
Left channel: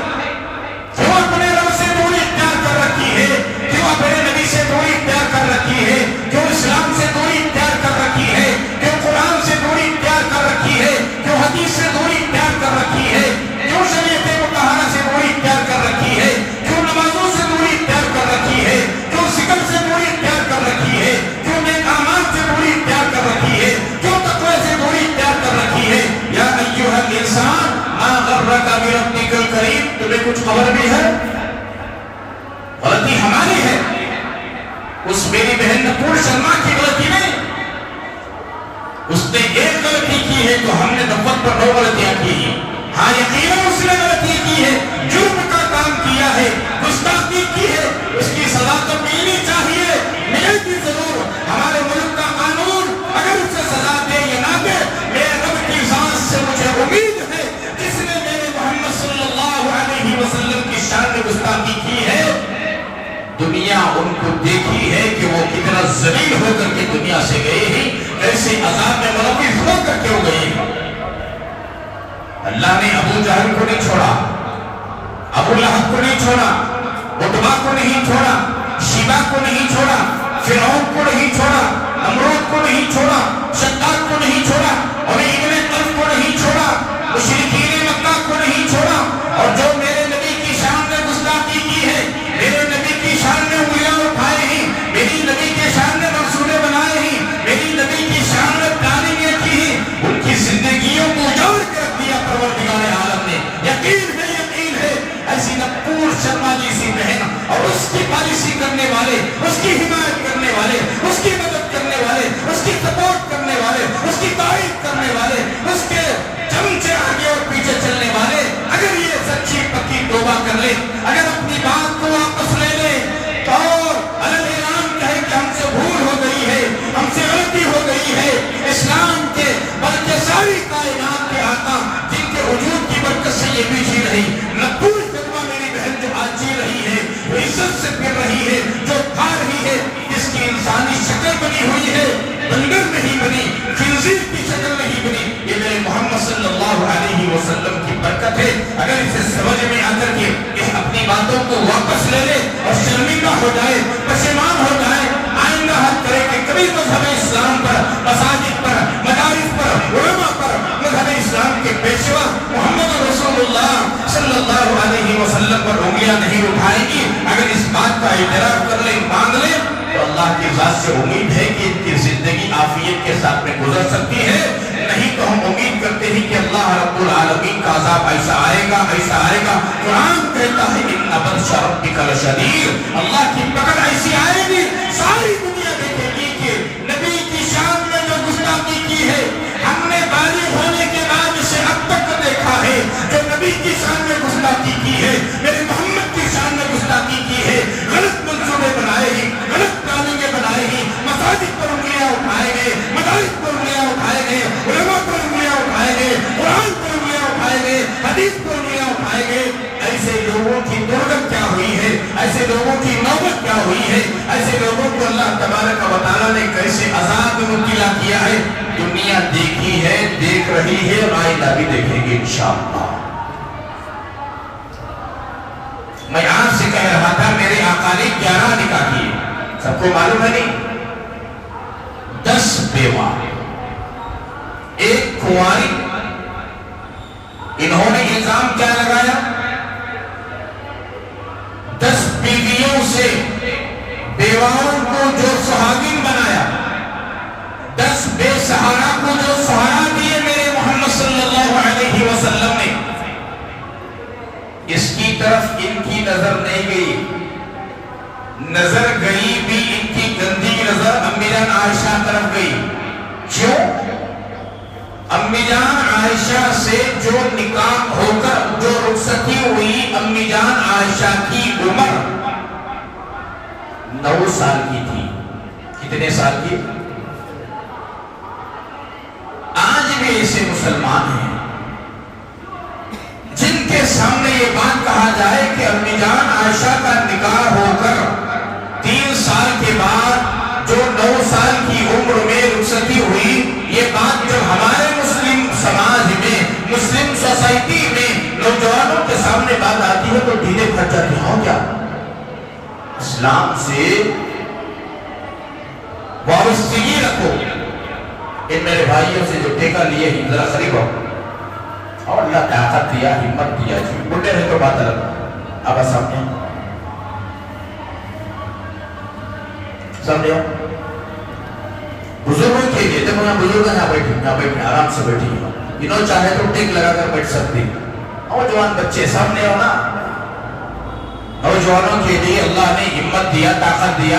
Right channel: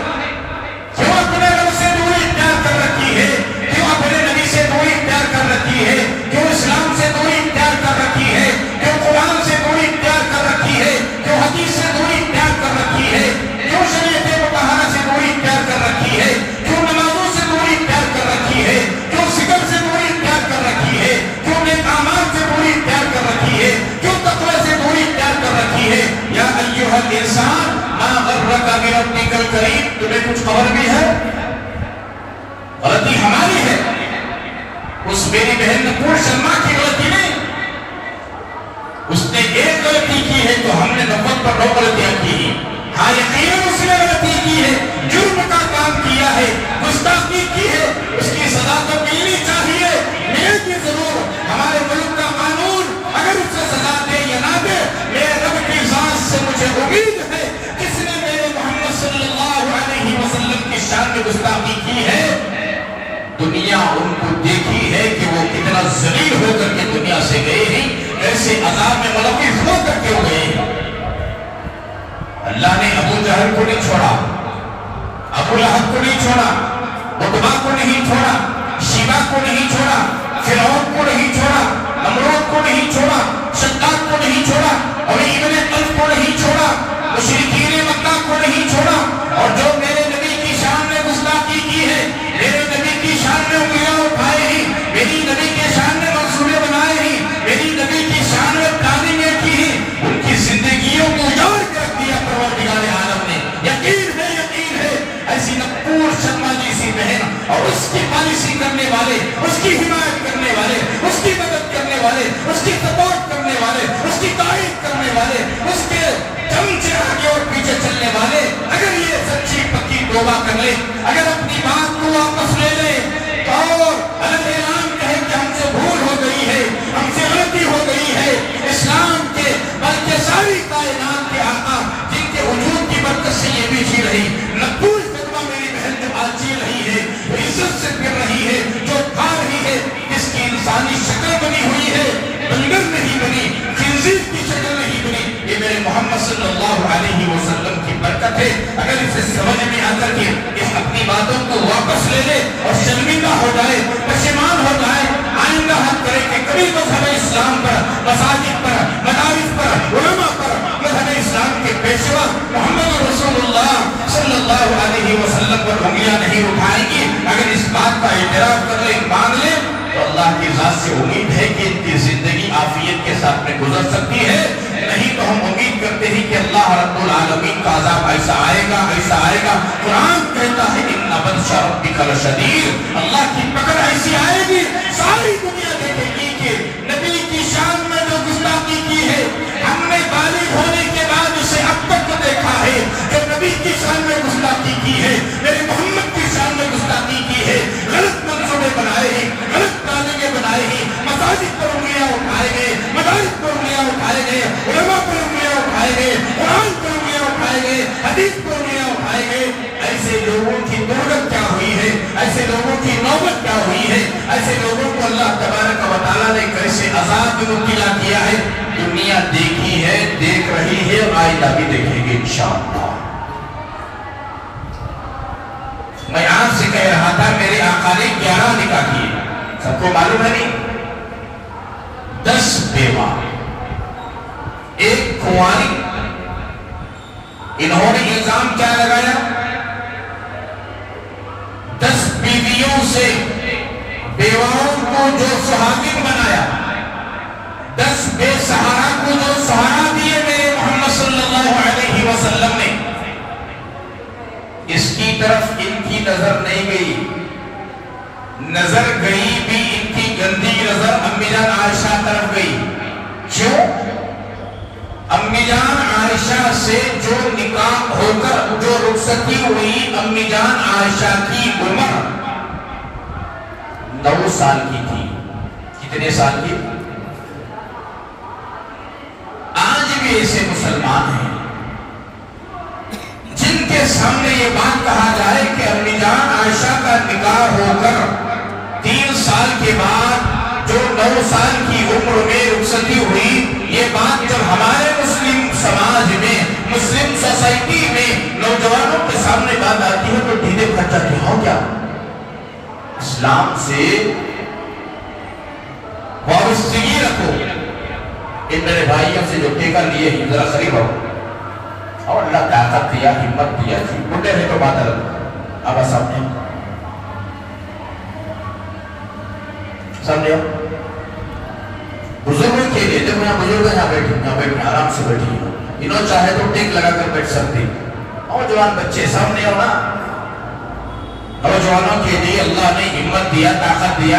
کیوں اپنے رب سے دوری اختیار کر رکھی ہے؟ کیوں اپنے نبی سے دوری اختیار کر رکھی ہے؟ کیوں اسلام سے دوری اختیار کر رکھی ہے؟ میری بہن نپور شرما کی غلطی نہیں، اس نے ایک غلطی کی ہے تو ہم نے 90 پر 9 غلطیاں کی ہیں۔ ہاں یقیناً اس نے غلطی کی ہے، جرم کا کام کیا ہے، گستاخی کی ہے، اس کی سزا تو ملنی چاہیے، ملے گی ضرور۔ ہمارے ملک کا قانون اگر اسے سزا دے یا نہ دے، میرے رب کی ذات سے مجھے امید ہے جس نے میرے محمد صلی اللہ علیہ وسلم کی شان میں گستاخی کی ہے، دنیا ان کو دیکھی ہے کہ وہ کتنا ذلیل ہو کر کے دنیا سے گئے ہیں، ایسے عذاب میں ملوث ہو کر کے گئے ہیں۔ اللہ نے ابو جہل کو نہیں چھوڑا، ابو لہب کو نہیں چھوڑا، عتبہ کو نہیں چھوڑا، شیبہ کو نہیں چھوڑا، فرعون کو نہیں چھوڑا، نمرود کو نہیں چھوڑا، شداد کو نہیں چھوڑا، ابی ابن خلف کو نہیں چھوڑا، مشرکین مکہ کو نہیں چھوڑا، اور جو میرے نبی کی شان میں گستاخی کی ہے، میرے نبی کی شان میں انگلیاں اٹھائے ہیں، میری نبی کے شان میں منصورے بنائے ہیں، میری نبی کی شان میں تعلیمیں کی ہیں، ان کی زندگیوں کو اجاڑ کے رکھ دیا پروردگار عالم نے۔ یقین ہے ایسی نپور شرما جیسی بہن اور اس کی پالیسی کرنے والے، اس کی حمایت کرنے والے، اس کی مدد کرنے والے، اس کی سپورٹ کرنے والے، اس کی تائید کرنے والے، اس کے چمچے آگے اور پیچھے چلنے والے اگر یہ سچی پکی توبہ کر لے، اگر اپنی بات کو واپس لے لے اور الگ اعلان کہے کہ ہم سے بھول ہو گئی ہے، ہم سے غلطی ہو گئی ہے، اسلام کے بلکہ ساری کائنات کے آقا جن کے وجود کی برکت سے یہ بھی جی رہی، نپور شرما میری بہن جو آج جی رہی ہے، جو عزت سے پھر رہی ہے، جو کھا رہی ہے، جس کی انسانی شکل بنی ہوئی ہے، بندر نہیں بنی، خنزیر کی شکل نہیں بنی، یہ میرے محمد صلی اللہ علیہ وسلم کی برکت ہے۔ اگر اسے سمجھ میں آ کر کے اس اپنی باتوں کو واپس لے لے اور شرمندہ ہو جائے، پشیمان ہو جائے، آئندہ حد کرے کہ کبھی مذہب اسلام پر، مساجد پر، مدارس پر، علماء پر، مذہب اسلام کے پیشوا محمد رسول اللہ صلی اللہ علیہ وسلم پر انگلیاں نہیں اٹھائے گی، اگر اس بات کا اعتراف کر لے، مان لے، تو اللہ کی ذات سے امید ہے کہ ان کی زندگی عافیت کے ساتھ میں گزر سکتی ہے۔ نہیں تو ہم امید کرتے ہیں کہ اللہ رب العالمین کا عذاب ایسا آئے گا، ایسا آئے گا۔ قرآن کہتا ہے ان بطش ربک لشدید، اللہ کی پکڑ ایسی آئے گی، ساری دنیا دیکھے گی کہ نبی کی شان میں جو گستاخی کی ہے، ہم نے بالغ ہونے کے بعد اسے اب تک دیکھا ہے، جو نبی کی شان میں گستاخی کی ہے، میرے محمد کی شان میں گستاخی کی ہے، غلط منصوبے بنائے ہیں، غلط تعلیمیں بنائے ہیں، مساجد پر انگلیاں اٹھائے گئے، مدارس پر انگلیاں اٹھائے گئے، علماء پر انگلیاں اٹھائے گئے، قرآن پر انگلیاں اٹھائے گئے، حدیث پر انگلیاں اٹھائے گئے۔ ایسے لوگوں کی نوبت کیا ہوئی ہے، ایسے لوگوں کی نوبت کیا ہوئی ہے، ایسے لوگوں کو اللہ تبارک و تعالیٰ نے کیسے عذاب میں مبتلا کیا ہے، دنیا دیکھی ہے، دیکھ رہی ہے، آئندہ بھی دیکھیں گے انشاءاللہ۔ میں آپ سے کہہ رہا تھا میرے آقا نے 11 نکاح کیے، سب کو معلوم ہے نہیں؟ 10 بیوہ، ایک کنواری۔ انہوں نے الزام کیا لگایا؟ 10 بیویوں سے بیواؤں کو جو سہاگن بنایا، 10 بے سہارا کو جو سہارا دیے میرے محمد صلی اللہ علیہ وسلم نے، اس کی طرف ان کی نظر نہیں گئی، نظر گئی بھی ان کی گندی نظر امی جان عائشہ طرف گئی۔ کیوں؟ امی جان عائشہ سے جو نکاح ہو کر جو رخصتی ہوئی، امی جان عائشہ کی عمر 9 سال کی تھی۔ کتنے سال کی؟ آج بھی ایسے مسلمان ہیں جن کے سامنے یہ بات کہا جائے کہ امی جان عائشہ کا نکاح ہو کر 3 سال کے بعد جو 9 سال کی عمر میں رخصتی ہوئی، یہ بات جب ہمارے مسلم سماج میں، مسلم سوسائٹی میں نوجوانوں کے سامنے بات آتی ہے تو ڈھیلے پھٹ جاتے ہیں۔ ہو کیا اسلام سے وابستگی رکھو۔ ان میرے بھائیوں سے جو ٹیکہ لیے ہی ذرا قریب ہو، اور اللہ طاقت دیا، ہمت دیا، جی بڑے ہیں تو بات الگ۔ اب سمجھو سمجھو بزرگوں کے لیے، دیکھو نا بزرگ یہاں بیٹھی آرام سے بیٹھی، انہوں چاہے تو ٹیک لگا کر بیٹھ سکتی۔ نوجوان بچے سامنے ہو نا، نوجوانوں کے لیے اللہ نے ہمت دیا، طاقت دیا،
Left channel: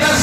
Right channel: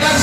10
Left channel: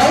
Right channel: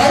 9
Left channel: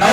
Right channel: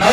9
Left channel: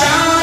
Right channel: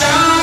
4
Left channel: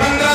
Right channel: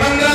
15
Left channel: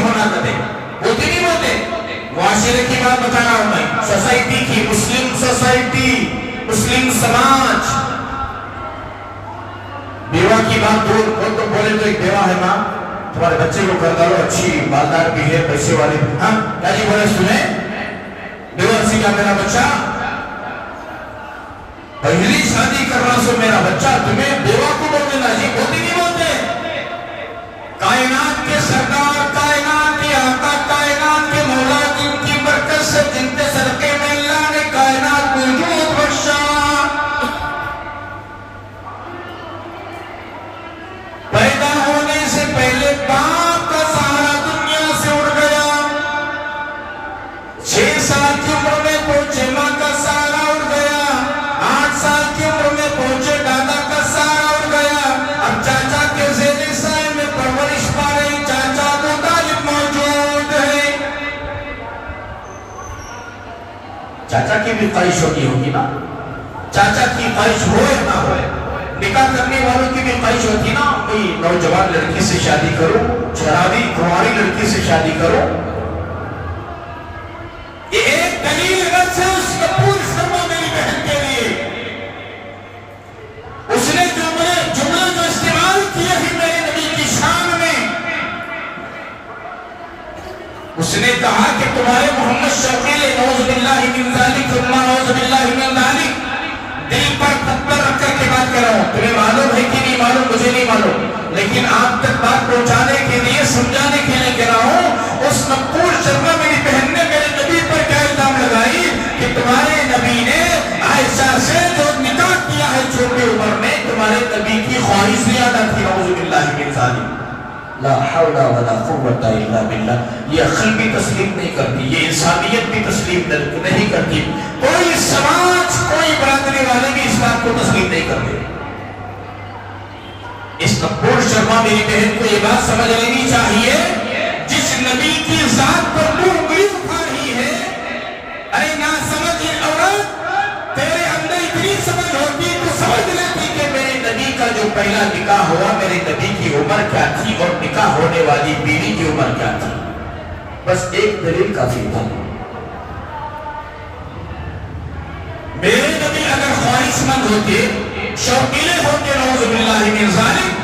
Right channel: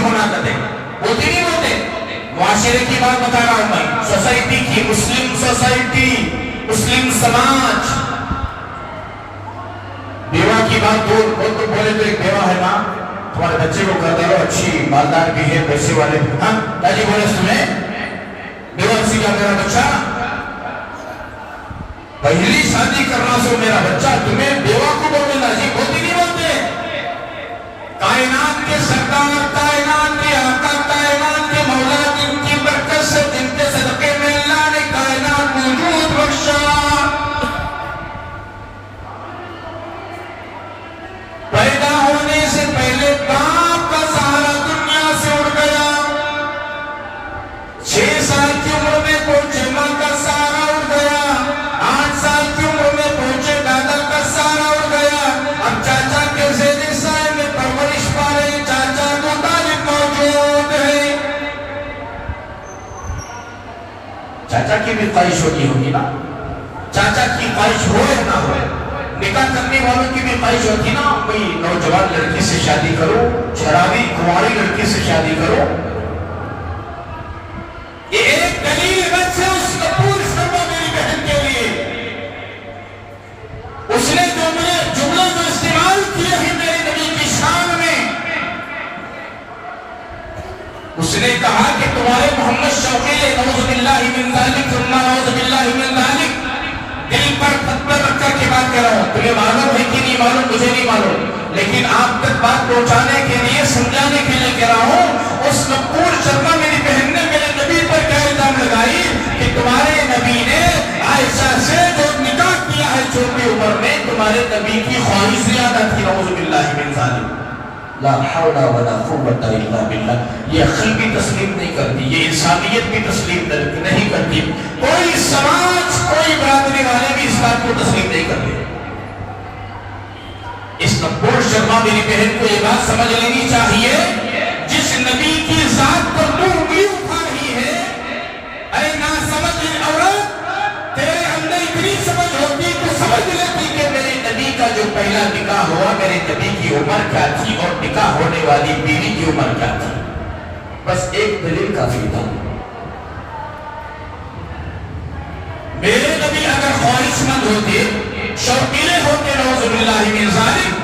حماقتیں ہوتی نہیں ہوتے. معاشرے کی بات بتا رہا ہوں میں، سوسائٹی کی، مسلم سوسائٹی، مسلم سماج. بیوہ کی بات دور تو بولے تو ایک بیوہ ہے ماں، تمہارے بچے کو کر ڈالو، اچھی مالدار بھی ہے، پیسے والے بھی. ہاں داجی بولے سنیں، بیوہ سے کہا میرا بچہ پہلی شادی کرنا سو میرا بچہ، تمہیں بیوہ کو بولنے لازی ہوتی نہیں ہوتے. کائنات کے سردار، کائنات کے آقا، کائنات کے مولا، جن کی برکت سے، جن کے صدقے میں اللہ نے کائنات وجود بخشا. پیدا ہونے سے پہلے باپ کا سہارا دنیا سے اڑ گیا. 6 سال کی عمر میں پہنچے ماں کا سہارا اڑ گیا. 8 سال کی عمر میں پہنچے دادا کا سہارا اڑ گیا. اب چاچا کے زیر سائے میں پرورش پا رہے چاچا ابو طالب موجود ہے. چاچا کی بھی خواہش ہوگی نا، چاچا کی خواہش ہو یا نہ ہو. نکاح کرنے والوں کی بھی خواہش ہوتی نا، کوئی نوجوان لڑکی سے شادی کرو، شرابی کنواری لڑکی سے شادی کرو. یہ ایک دلیل رکھ ہے اس کپور شرما میری بہن کے لیے. اس نے جملہ جو استعمال کیا ہے میرے نبی کی شان میں، اس نے کہا کہ تمہارے محمد شوقیل نعوذ باللہ من ذالک، نعوذ باللہ من ذالک، دل پر پتھر رکھ کر کے بات کر رہا ہوں. تمہیں معلوم ہے کہ نہیں معلوم، مجھے نہیں معلوم، لیکن آپ تک بات پہنچانے کے لیے، سمجھانے کے لیے کہہ رہا ہوں. اس کپور شرما میری بہن نے میرے نبی پر کیا الزام لگائی کہ تمہارے نبی نے عائشہ سے جو نکاح کیا ہے چھوٹی عمر میں، تمہارے نبی کی خواہش زیادہ تھی. نعوذ باللہ من ذالک. لا حول ولا قوت الا باللہ. یہ عقل بھی تسلیم نہیں کرتی، یہ انسانیت بھی تسلیم نہیں کرتی. کوئی سماج، کوئی برادری والے بھی اس بات کو تسلیم نہیں کرتے. اس کپور شرما میری بہن کو یہ بات سمجھ لینی چاہیے، جس نبی کی ذات پر تو انگلی اٹھا رہی ہے، ارے نہ سمجھ عورت، تیرے اندر اتنی سمجھ ہوتی تو سمجھ لیتی کہ میرے نبی کا جو پہلا نکاح ہوا، میرے نبی کی عمر کیا تھی اور نکاح ہونے والی بیوی کی عمر کیا تھی. بس ایک دلیل کافی تھا. میرے نبی اگر خواہش مند ہوتے، شوقیلے ہوتے، نعوذ باللہ من ذالک،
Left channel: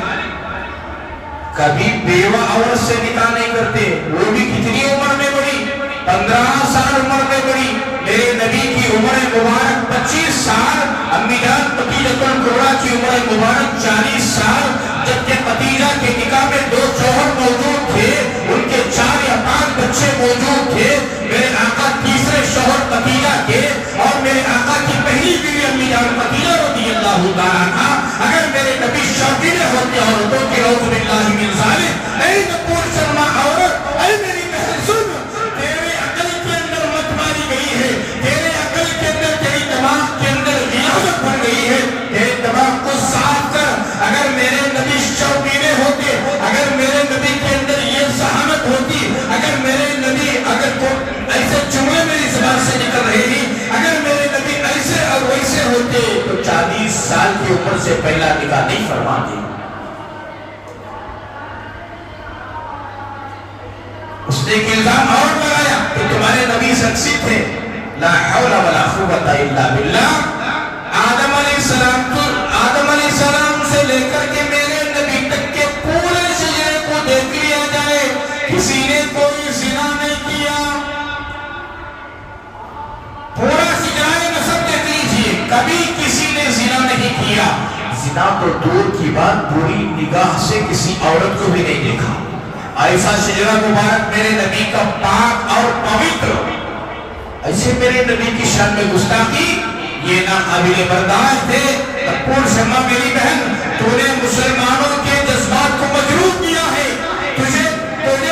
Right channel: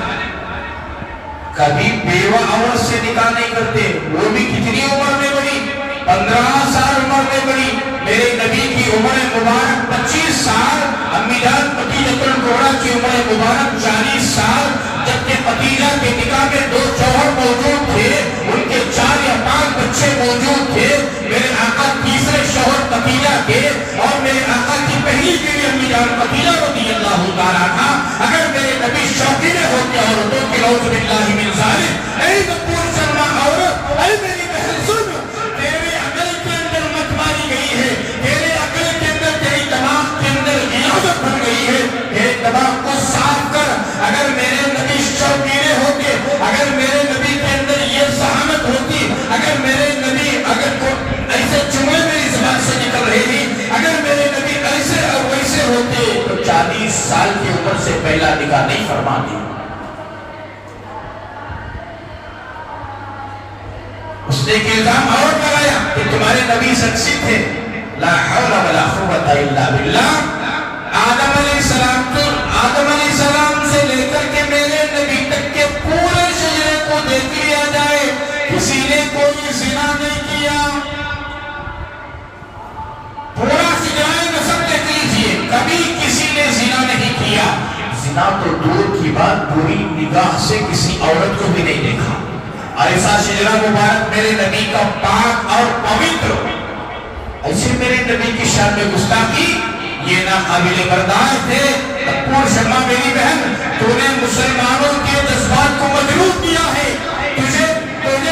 کبھی بیوہ عورت سے نکاح نہیں کرتے. وہ بھی کتنی عمر میں بڑی؟ 15 سال عمر میں بڑی. میرے نبی کی عمر مبارک 25 سال، امی جان خدیجہ الکبریٰ کی عمر مبارک 40 سال. جبکہ خدیجہ کے نکاح میں 2 شوہر موجود تھے، ان کے 4 یا 5 بچے موجود تھے. میرے آقا تیسرے شوہر خدیجہ کے اور میرے آقا کی پہلی بیوی امی جان خدیجہ رضی اللہ تعالیٰ عنہا. اگر میرے نبی شوقینے ہوتے عورتوں کی، نعوذ باللہ من ذالک، اے کپور شرما عورت، اے میری بہن سن، تیرے عقل کے اندر مت ماری گئی ہے، تیرے عقل کے اندر، تیری دماغ کے اندر غیابت بن گئی ہے. تیرے دماغ کو صاف کر. اگر میرے نبی شوقینے ہوتے، اگر میرے نبی کے اندر یہ ذہانت ہوتی، اگر میرے نبی اگر تو ایسے جملے میری زبان سے نکل رہے تھی، اگر میرے نبی ایسے اور ویسے ہوتے تو 40 سال کی عمر سے پہلا نکاح نہیں فرماتے. اس نے ایک الزام اور لگایا کہ تمہارے نبی شخصی تھے. لا حول ولا قوت الا باللہ. آدم علیہ السلام سے لے کر کے میرے نبی تک کے پورے شجرے کو دیکھ لیا جائے، کسی نے کوئی زنا نہیں کیا. پورا شجرائے نسب دیکھ لیجئے، کبھی کسی نے زنا نہیں کیا. زنا تو دور کی بات، پوری نگاہ سے کسی عورت کو بھی نہیں دیکھا. ایسا شجرہ مبارک میرے نبی کا پاک اور پوتر، ایسے میرے نبی کی شان میں گستاخی، یہ نہ قابل برداشت ہے. کپور شرما میری بہن، تو نے مسلمانوں کے جذبات کو مجروح کیا ہے. تجھے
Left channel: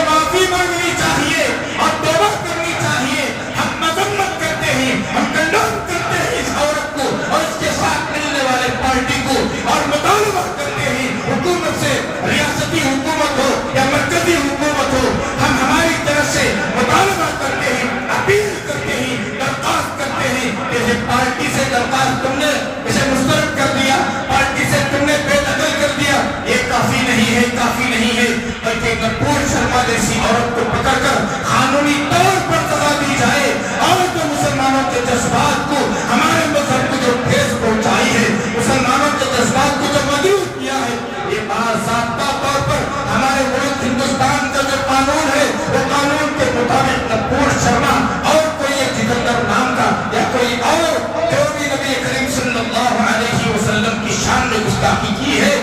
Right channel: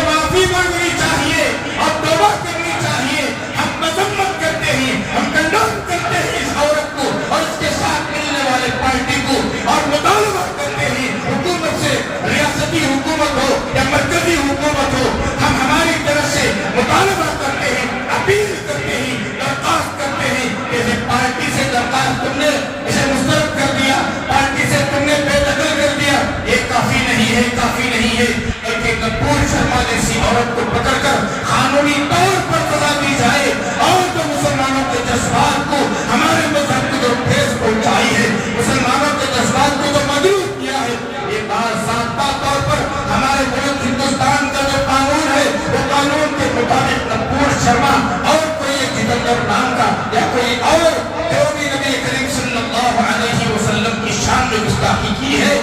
معافی مانگنی چاہیے اور توبہ کرنی چاہیے. ہم مذمت کرتے ہیں، ہم کنڈم کرتے ہیں اس عورت کو اور اس کے ساتھ ملنے والے پارٹی کو، اور مطالبہ کرتے ہیں حکومت سے، ریاستی حکومت ہو یا مرکزی حکومت ہو، ہم ہماری طرف سے مطالبہ کرتے ہیں، اپیل کرتے ہیں، درخواست کرتے ہیں کہ اس پارٹی سے درخواست تم نے اسے مسترد کر دیا، پارٹی سے تم نے بے دخل کر دیا. یہ کافی نہیں ہے، کافی نہیں ہے، بلکہ نپور شرما جیسی عورت کو پکڑ کر قانونی طور پر سزا دی جائے اور جو مسلمانوں کے جذبات کو ہمارے مذہب کو جو ٹھیس پہنچائی ہے مسلمانوں کے جذبات کو جو مجروح کیا ہے یہ باضابطہ طور پر ہمارے ملک ہندوستان کا جو قانون ہے وہ قانون کے مطابق نپور شرما اور کوئی ایک جتندر نام کا یا کوئی اور جو بھی نبی کریم صلی اللہ علیہ وسلم کی شان میں گستاخی کی ہے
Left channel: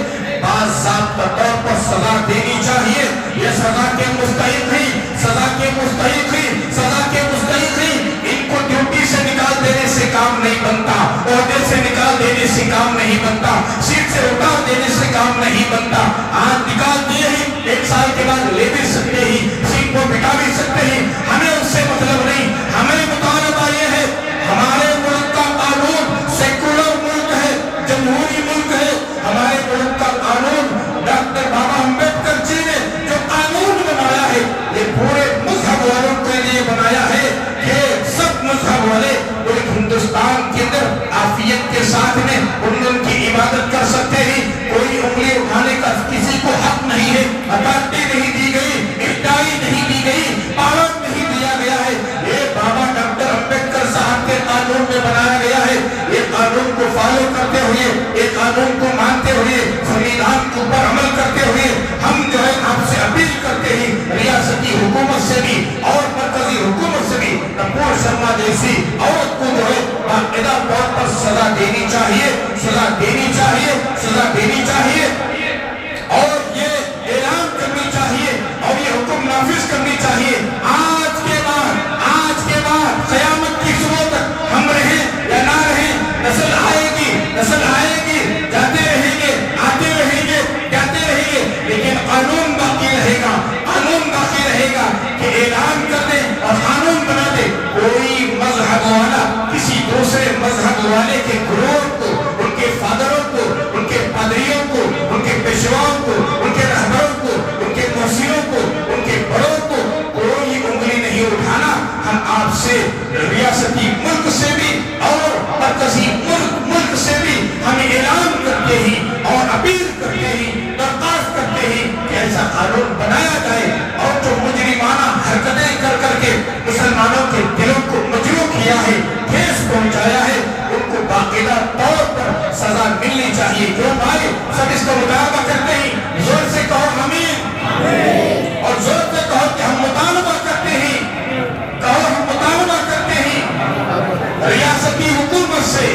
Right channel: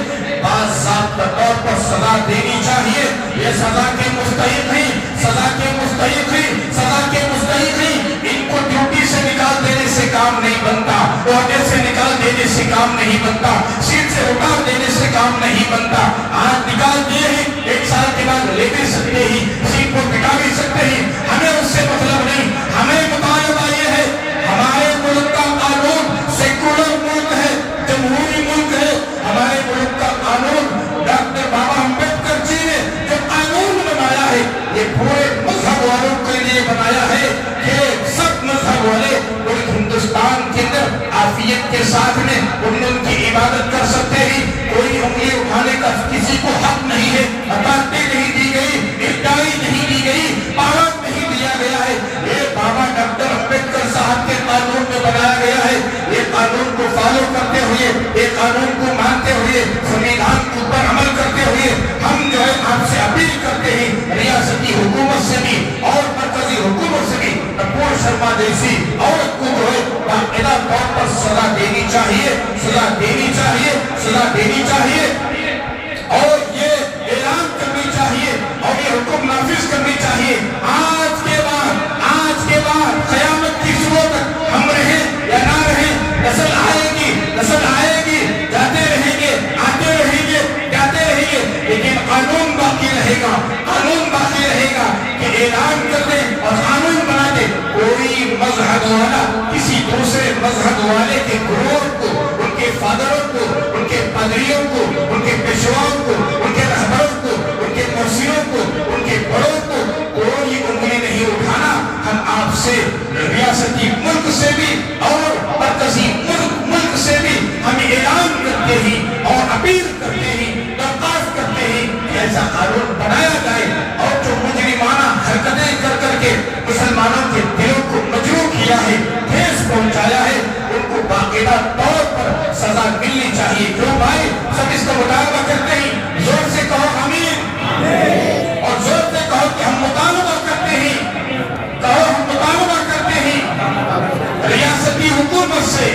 باضابطہ طور پر سزا دینی چاہیے یہ سزا کے مستحق ہیں سزا کے مستحق ہیں سزا کے مستحق ہیں ان کو ڈیوٹی سے نکال دینے سے کام نہیں بنتا عہدے سے نکال دینے سے کام نہیں بنتا سیٹ سے اتار دینے سے کام نہیں بنتا آج نکال دیے ہی ایک سال کے بعد لے بھی سکتے ہی سیٹ کو بٹا بھی سکتے ہی ہمیں اس سے مطلب نہیں ہمیں مطالبہ یہ ہے ہمارے ملک کا قانون سیکولر ملک ہے جمہوری ملک ہے ہمارے ملک کا قانون ڈاکٹر بابا امبیڈکر جی نے جو قانون بنایا ہے یہ پورے مذہب والوں کے لیے بنایا ہے کہ سب مذہب والے پورے ہندوستان کے اندر عافیت کے ساتھ میں ان کی عبادت کر سکتے ہیں کوئی انگلی اٹھانے کا کسی کو حق نہیں ہے اتھارٹی نہیں دی گئی اختیاری نہیں دی گئی پاور نہیں دیا گیا ہے یہ بابا ڈاکٹر امبیڈکر صاحب کے قانون میں بنایا گیا ہے یہ قانون کو فالو کرتے ہوئے یہ قانون کو مانتے ہوئے سنویدھان کے اوپر عمل کرتے ہوئے ہم جو ہے آپ سے اپیل کرتے ہیں ریاستی حکومت سے بھی اور مرکزی حکومت سے بھی نپور شرما جیسی عورت کو جو ہے باقاعدہ طور پر سزا دینی چاہیے سزا دینی چاہیے سزا دینی چاہیے اور یہ اعلان کرنی چاہیے اور یہ حکم نافذ کرنی چاہیے آج کے بعد قیامت کی صبح تک ہم رہیں یا نہ رہیں نسل آئے گی جاتے رہیں گے آتے رہیں گے جاتے رہیں گے لیکن قانون باقی رہے گا کہ اعلان کر دیں اور قانون بنا دیں کوئی مذہب والا کسی دوسرے مذہب والے کے گروہ کو ان کے فادروں کو ان کے پادریوں کو ان کے پیشواؤں کو ان کے رہبروں کو ان کے مرشدوں کو ان کے بڑوں کو کوئی انگلی نہیں اٹھانا ہم آپ سے ریاستی ملک سے بھی اور مرکزی ملک سے بھی ہم اعلان کرتے ہیں اور اپیل کرتے ہیں درخواست کرتے ہیں کہ ایسا قانون بنایا جائے اور جو مجرمانہ حرکتیں کر کے مسلمانوں کے دلوں کو مجروح کیا ہے ٹھیس پہنچایا ہے ان کو باقاعدہ طور پر سزا ملنی چاہیے جو بھائی سب اس کا مطالبہ کرتے ہیں زور سے کہو آمین اور زور سے کہو کہ ہم مطالبہ کرتے ہیں کہو ہم مطالبہ کرتے ہیں ریاستی حکومت سے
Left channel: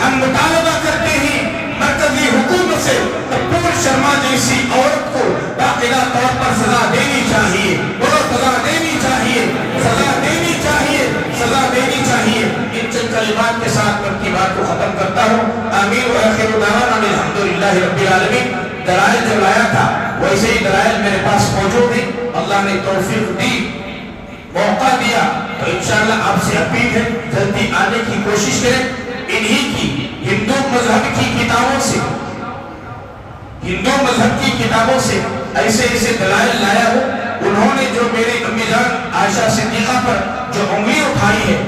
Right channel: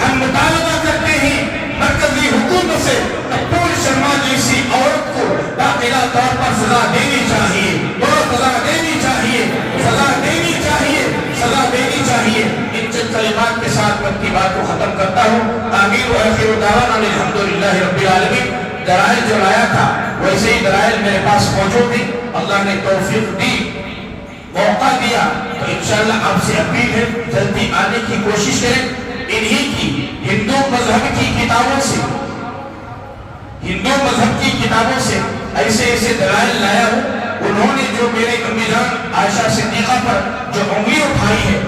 ہم مطالبہ کرتے ہیں مرکزی حکومت سے نپور شرما جیسی عورت کو باقاعدہ طور پر سزا دینی چاہیے سزا دینی چاہیے سزا دینی چاہیے سزا دینی چاہیے ان چند کلمات کے ساتھ میں اپنی بات کو ختم کرتا ہوں آمین و آخر دعوانا الحمدللہ رب العالمین دلائل جو لایا تھا ویسے ہی دلائل میرے پاس موجود ہیں اللہ نے توفیق دی موقع دیا تو انشاءاللہ آپ سے اپیل ہے جلدی آنے کی کوشش کریں انہی کی ہندو مذہب کی کتابوں سے ایسے دلائل لایا ہوں انہوں نے جو میرے امی جان عائشہ صدیقہ پر جو انگلی اٹھائی ہے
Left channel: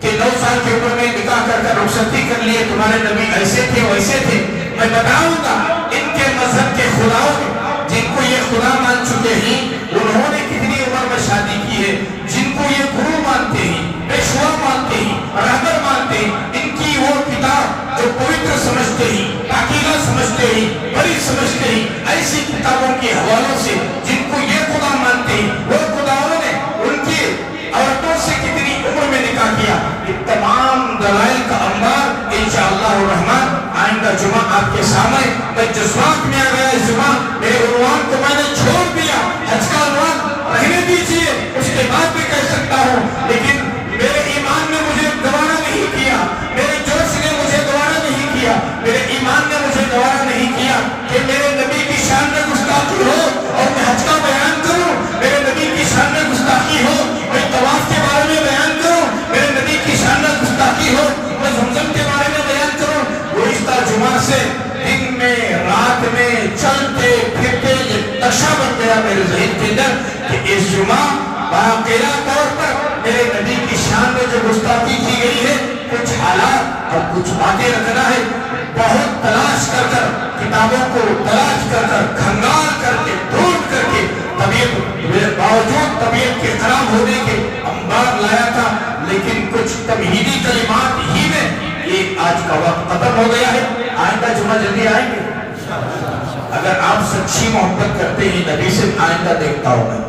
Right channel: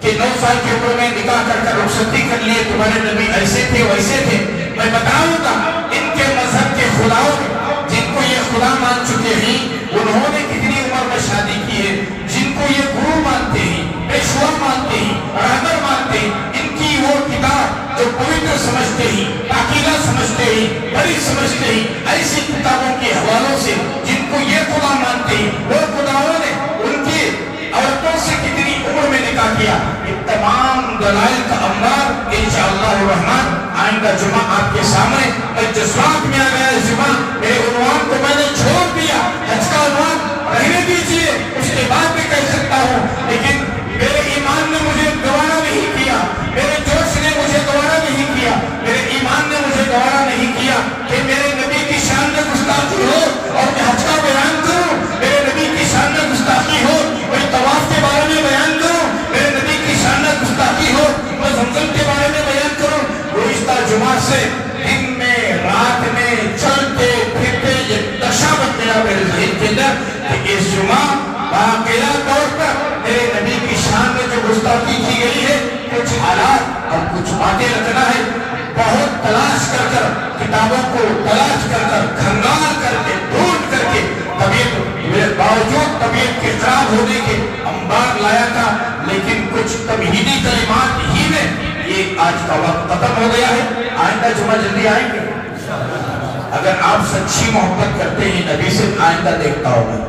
کہ 9 سال کی عمر میں نکاح کر رخصتی کر لیے تمہارے نبی ایسے تھے ویسے تھے میں بتاؤں گا ان کے مذہب کے خداؤں جن کو یہ خدا مان چکے ہیں انہوں نے کتنی عمر میں شادی کی ہے جن کو یہ گرو مانتے ہیں پیشوا مانتے ہیں رہبر مانتے ہیں ان کی وہ کتاب جو پوتر سمجھتے ہیں پاکیزہ سمجھتے ہیں بڑی سمجھتے ہیں ایسی کتابوں کے حوالوں سے جن کو یہ خدا مانتے ہیں وہ خداؤں نے ان کی عورتوں سے کتنی عمر میں نکاح کیا یہ تمام دلائل کا انبار انشاءاللہ الرحمن آئندہ جمعہ آپ کے سامنے میں جذبات میں آ گیا اس جمعہ میرے عنوان کو میں نے چھوڑ دیا حج کا عنوان رہنے دیجئے اس کے بعد میں کہہ سکتا ہوں لیکن میرے ایمان نے مجھے گوارا نہیں کیا میرے جوش نے مجھے گوارا نہیں کیا میرے ایمان نے مجھے گوارا نہیں کیا کہ میرے نبی کی شان میں گستاخی ہو اور میں حج کا بیان کروں میرے نبی کی شان میں گستاخی ہو میں طواف کے بارے میں بیان کروں میرے نبی کی شان میں گستاخی ہو میں زمزم کے بارے میں بیان کروں گزشتہ جمعہ سے دن میں رات میں چلتے پھرتے یہ نشہ بن گیا میرے ذہن کے اندر کہ اس جمعہ باقاعدہ طور پر میرے نبی کی شان میں جو گستاخی کی گئی ہے کچھ حالات اور کچھ باتیں رکھنا ہے بہت تلاش کر کتابوں کو تلاش کر کھنگال کر کے ڈھونڈ یہ آج کا وقت ختم ہو گیا ہے، آئندہ جمعہ جلدی آئیں گے اگر آپ سچی محبت کرتے ہیں نبی سے، آئندہ دیکھتا ہوں میں،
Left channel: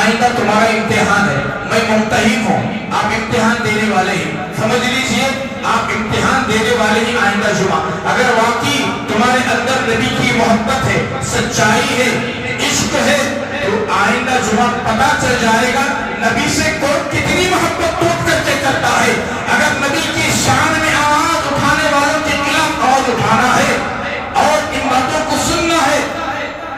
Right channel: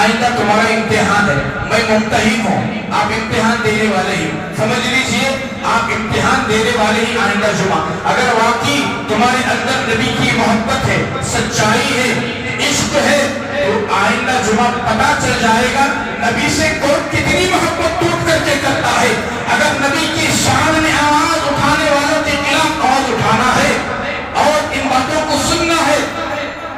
آئندہ تمہارا امتحان ہے، میں ممتحن ہوں، آپ امتحان دینے والے ہیں، سمجھ لیجئے آپ امتحان دینے والے ہیں آئندہ جمعہ۔ اگر واقعی تمہارے اندر نبی کی محبت ہے، سچائی ہے، عشق ہے، تو آئندہ جمعہ پتہ چل جائے گا نبی سے کون کتنی محبت ٹوٹ کر کے کرتا ہے۔ اگر نبی کی شان میں آواز اٹھانے والوں کے خلاف آواز اٹھانا ہے اور ان باتوں کو سننا ہے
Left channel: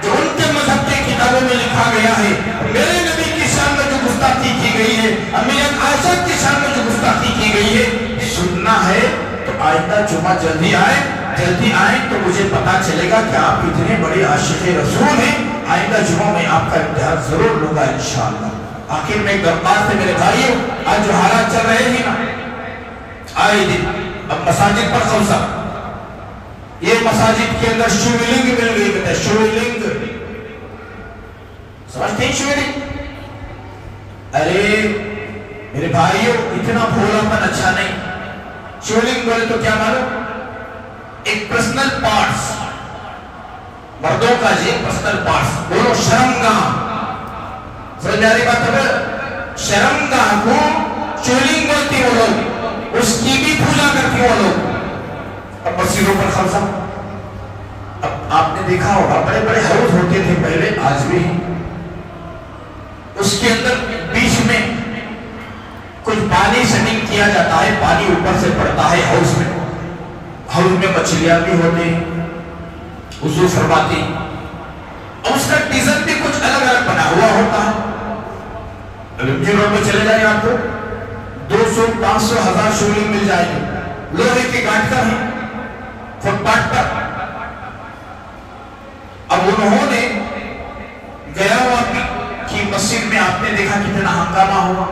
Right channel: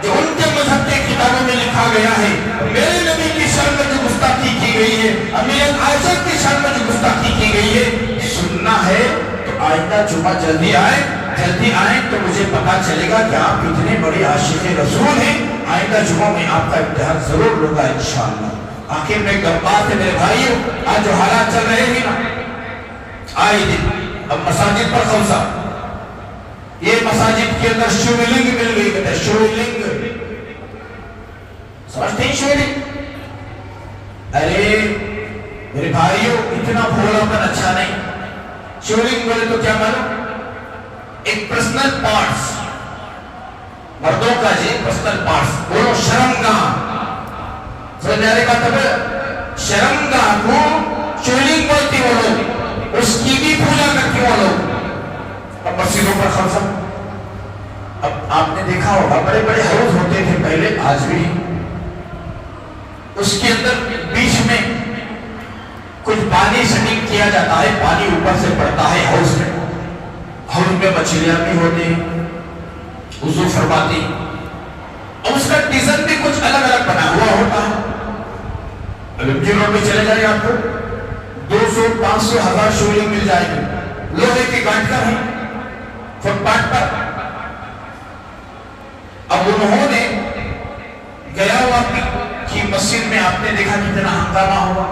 جو ان کے مذہب کے کتابوں میں لکھا گیا ہے، میرے نبی کی شان میں جو گستاخی کی گئی ہے، امی عائشہ کی شان میں جو گستاخی کی گئی ہے، سننا ہے تو آئندہ جمعہ جلدی آئیں تو مجھے پتا چلے گا کہ آپ اتنے بڑے عاشق رسول ہیں۔ آئندہ جمعہ میں آپ کا امتحان ضرور لوں گا انشاءاللہ۔ آخر میں ایک بات ہے میرے بھائیوں، آج جو حالات چل رہے ہیں نا، آئے دن اب مساجد پر خلصہ، یہ مساجد کے اندر شیولنگ مل گئی، کہتے ہیں شیولنگ، سمجھتے ہیں شیولنگ؟ ارے میرے بھائیوں اتنا بھولا پن اچھا نہیں۔ شیولنگ بولے تو کیا معلوم؟ ایک پرسنل پارٹس، مردوں کا جی پرسنل پارٹس، بولو شرمگاہ، سمجھ میں آ رہی بات ہے؟ شرمگاہ کو شیولنگ بولتی وہ لوگ، اس کی بھی پوجا کرتی وہ لوگ۔ اب مسجدوں پر خلصہ، اب آپ نے دیکھا ہوگا بڑے بڑے حوض ہوتے تھے پہلے، آج بھی اس کے اندر بیچ میں کچھ پانی سٹنگ کیا جاتا ہے، پانی اوپر سے پڑتا ہے حوض میں، حوض میں مچھلیاں بھی ہوتی، وضو فرماتی، اور اس کا ڈیزائن بھی کچھ الگ الگ بنا ہوا ہوتا ہے۔ اب جنہوں میں چلے جائیں آپ کو 200 500 1000 شیولنگ مل جائے گی، لوہے کی گاٹ کا ہے فٹ پاتھ پر۔ اب انہوں نے گیا ہوا کی مسجد میں آپ نے دیکھا کتنا ہنگامہ ہوا،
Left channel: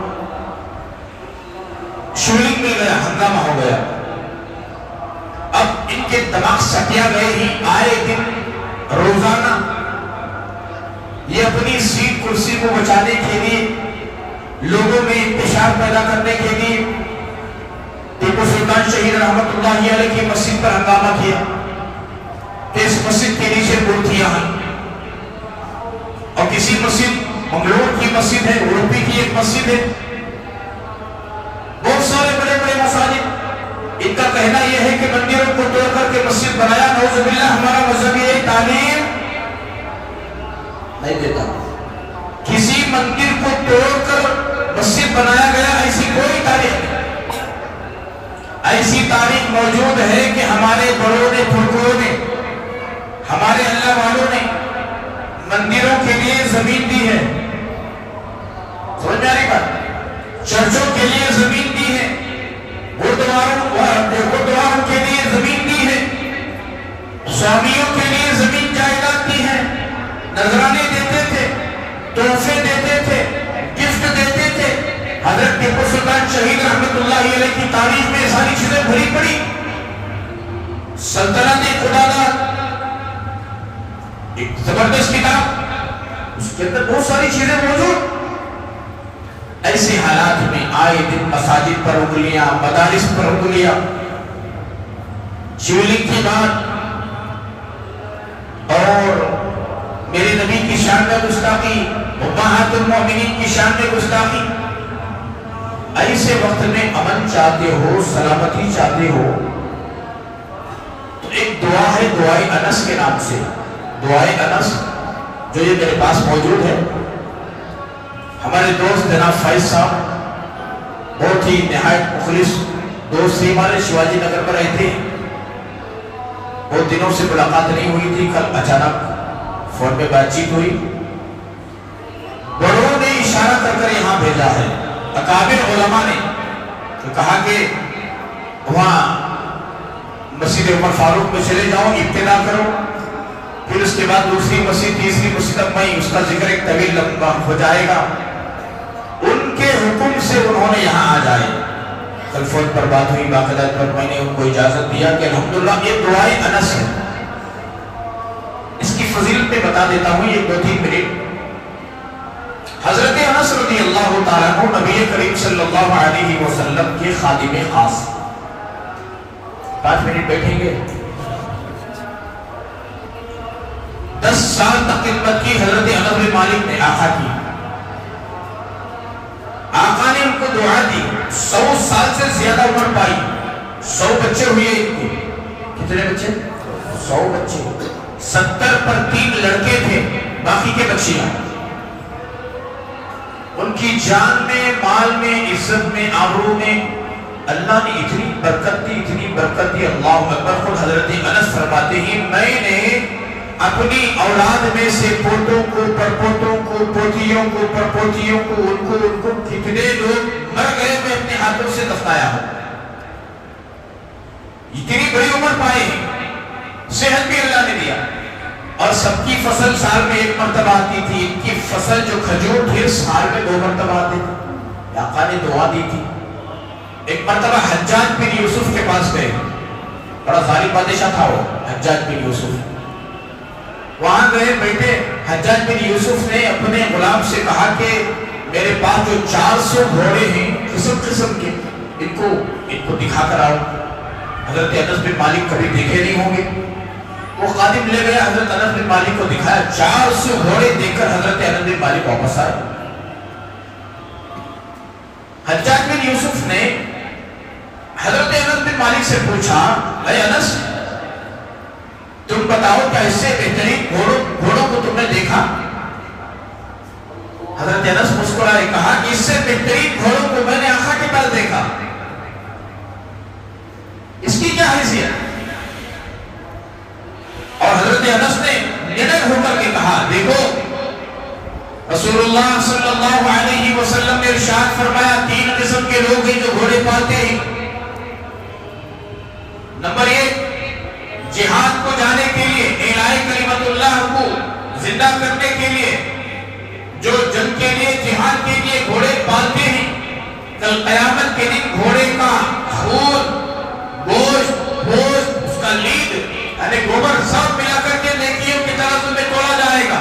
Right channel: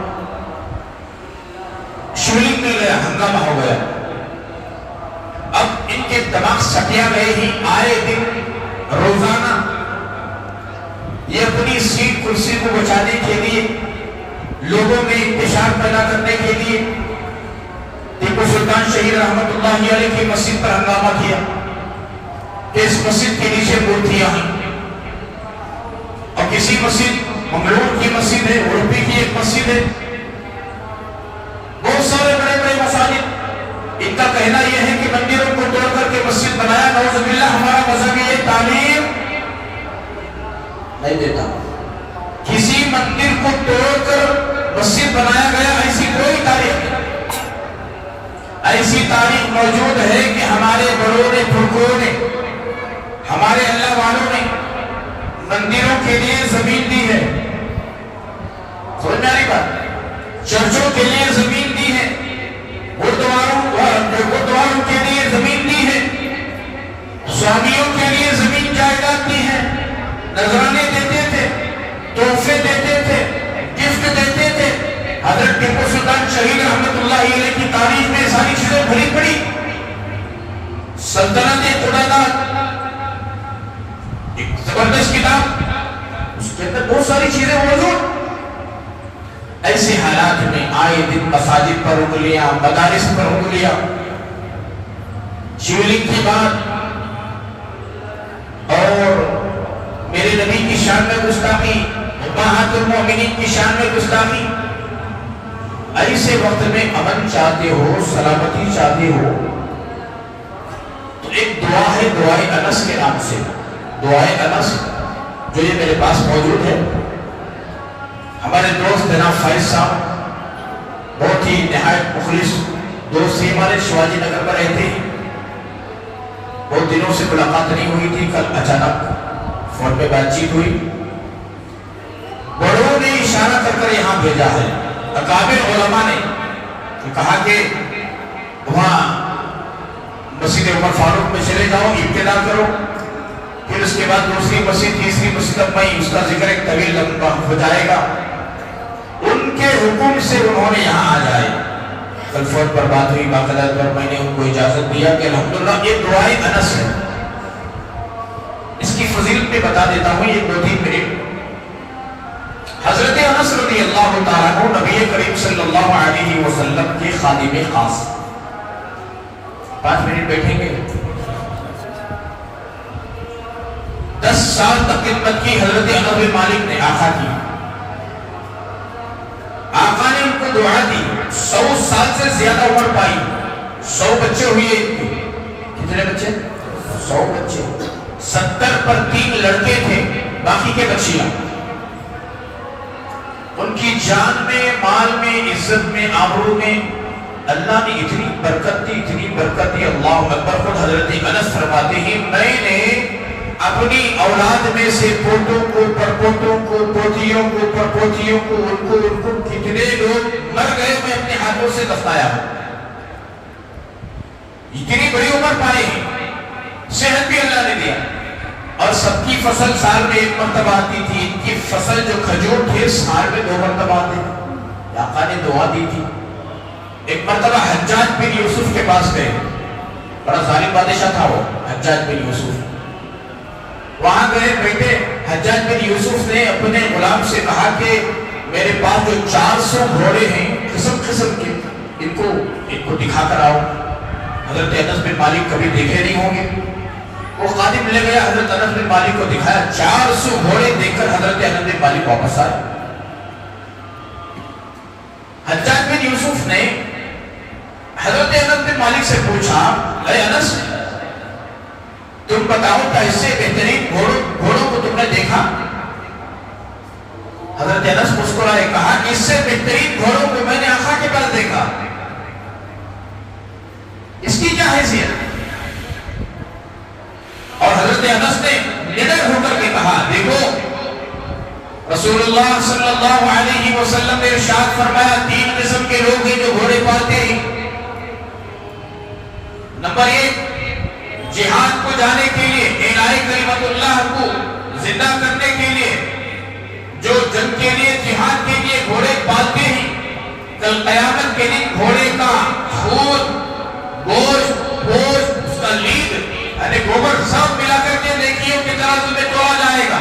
شیولنگ میں گیا ہنگامہ ہو گیا۔ اب ان کے دماغ سٹیا گئے ہی، آئے دن روزانہ یہ اپنی سیٹ کرسی کو بچانے کے لیے، لوگوں میں انتشار پیدا کرنے کے لیے ٹیپو سلطان شہید رحمت اللہ علیہ کی مسجد پر ہنگامہ کیا کہ اس مسجد کے نیچے مورتیاں ہیں، اور کسی مسجد منگلور کی مسجد ہے، اڑپی کی ایک مسجد ہے، بہت سارے بڑے بڑے مساجد، ان کا کہنا یہ ہے کہ مندروں کو توڑ کر کے مسجد بنایا۔ نعوذ باللہ، ہمارا مذہب یہ تعلیم نہیں دیتا کسی مندر کو توڑ کر مسجد بنایا گیا، ایسی کوئی تاریخ نہیں۔ ایسی تاریخ موجود ہے کہ ہمارے بڑوں نے، پھوکروں نے، ہمارے اللہ والوں نے مندروں کے لیے زمین دی ہے، سمجھ میں آ رہی بات؟ چرچوں کے لیے زمین دی ہے، گردواروں کے لیے زمین دی ہے، سوامیوں کے لیے زمین جائیداد دی ہے، نذرانے دیتے تھے، تحفے دیتے تھے، گفٹ دیتے تھے۔ حضرت ٹیپو سلطان شہید رحمت اللہ علیہ کی تاریخ میں ساری چیزیں بھری پڑی، سلطنت خداداد، ایک زبردست کتاب، اس کے اندر بہت ساری چیزیں موجود۔ ایسے حالات میں آئے دن مساجد پر انگلیاں، مدارس پر انگلیاں، شیولنگ کی بات اور میرے نبی کی شان میں گستاخی، امہات المومنین کی شان میں گستاخی۔ ایسے وقت میں امن چاہتے ہو، سلامتی چاہتے ہو، تو ایک دعا ہے دعائے انس کے نام سے، دعائے انس، جو یہ میرے پاس موجود ہے۔ ہمارے دوست جناب فائز صاحب بہت ہی نہایت مخلص دوست تھے ہمارے، شیواجی نگر پر رہتے ہیں، بہت دنوں سے ملاقات نہیں ہوئی تھی، کل اچانک فون پہ بات چیت ہوئی، بڑوں نے اشارہ کر کر یہاں بھیجا ہے، اکابر علماء نے کہا کہ وہاں مسجد عمر فاروق میں چلے جاؤ، ابتدا کرو، پھر اس کے بعد دوسری مسجد، تیسری مسجد، اب میں اس کا ذکر ایک طویل لمبا ہو جائے گا۔ ان کے حکم سے انہوں نے یہاں آ جائے، کل فون پر بات ہوئی، باقاعدہ پر میں نے ان کو اجازت دیا کہ الحمدللہ یہ دعائے انس ہے۔ اس کی فضیلت میں بتا دیتا ہوں، یہ 2-3 منٹ۔ حضرت انس رضی اللہ تعالیٰ عنہ نبی کریم صلی اللہ علیہ وسلم کے خادم خاص، 5 منٹ بیٹھیں گے؟ 10 سال تک خدمت کی حضرت انس بن مالک نے آقا کی. آقا نے ان کو دعا دی. 100 سال سے زیادہ عمر پائی. 100 بچے ہوئے ان کو. کتنے بچے؟ 100 بچے. 70 پر 3 لڑکے تھے، باقی کے بچیاں. ان کی جان میں، مال میں، عزت میں، آبرو میں اللہ نے اتنی برکت دی، اتنی برکت دی. اللہ اکبر. خود حضرت انس فرماتے ہیں میں نے اپنی اولاد میں سے پوتوں کو، پرپوتوں کو، پوتیوں کو، پرپوتیوں کو، ان کو کتنے لوگ مر گئے میں اپنے ہاتھوں سے دفنایا. اتنی بڑی عمر پائے ہیں، صحت بھی اللہ نے دیا. اور سب کی فصل سال میں 1 مرتبہ آتی تھی. ان کی فصل جو کھجور تھے سال میں 2 مرتبہ آتے تھے. آقا نے دعا دی تھی. ایک مرتبہ حجاج بن یوسف کے پاس گئے. بڑا ظالم بادشاہ تھا وہ حجاج بن یوسف. وہاں گئے بیٹھے. حجاج بن یوسف نے اپنے غلام سے کہا کہ میرے پاس جو 400 گھوڑے ہیں قسم قسم کے، ان کو دکھا کر آؤ. حضرت انس بن مالک کبھی دیکھے نہیں ہوں گے. وہ خادم لے گیا، حضرت انس بن مالک کو دکھایا. 400 گھوڑے دیکھ کر حضرت انس بن مالک واپس آئے. حجاج بن یوسف نے حضرت انس بن مالک سے پوچھا اے انس تم بتاؤ کیا اس سے بہترین گھوڑوں کو تم نے دیکھا؟ حضرت انس مسکرائے کہا اس سے بہترین گھوڑوں کو میں نے آقا کے پاس دیکھا. اس کی کیا حیثیت؟ اور حضرت انس نے نڈر ہو کر کے کہا دیکھو رسول اللہ صلی اللہ علیہ وسلم نے ارشاد فرمایا 3 قسم کے لوگ ہیں جو گھوڑے پالتے ہیں. نمبر 1 جہاد کو جانے کے لیے، اعلاء کلمت اللہ کو زندہ کرنے کے لیے، جو جنگ کے لیے، جہاد کے لیے گھوڑے پالتے ہیں. کل قیامت کے دن گھوڑے کا خون، گوشت، اس کا لید یعنی گوبر سب ملا کر کے نیکیوں کی طرح تمہیں تولا جائے گا،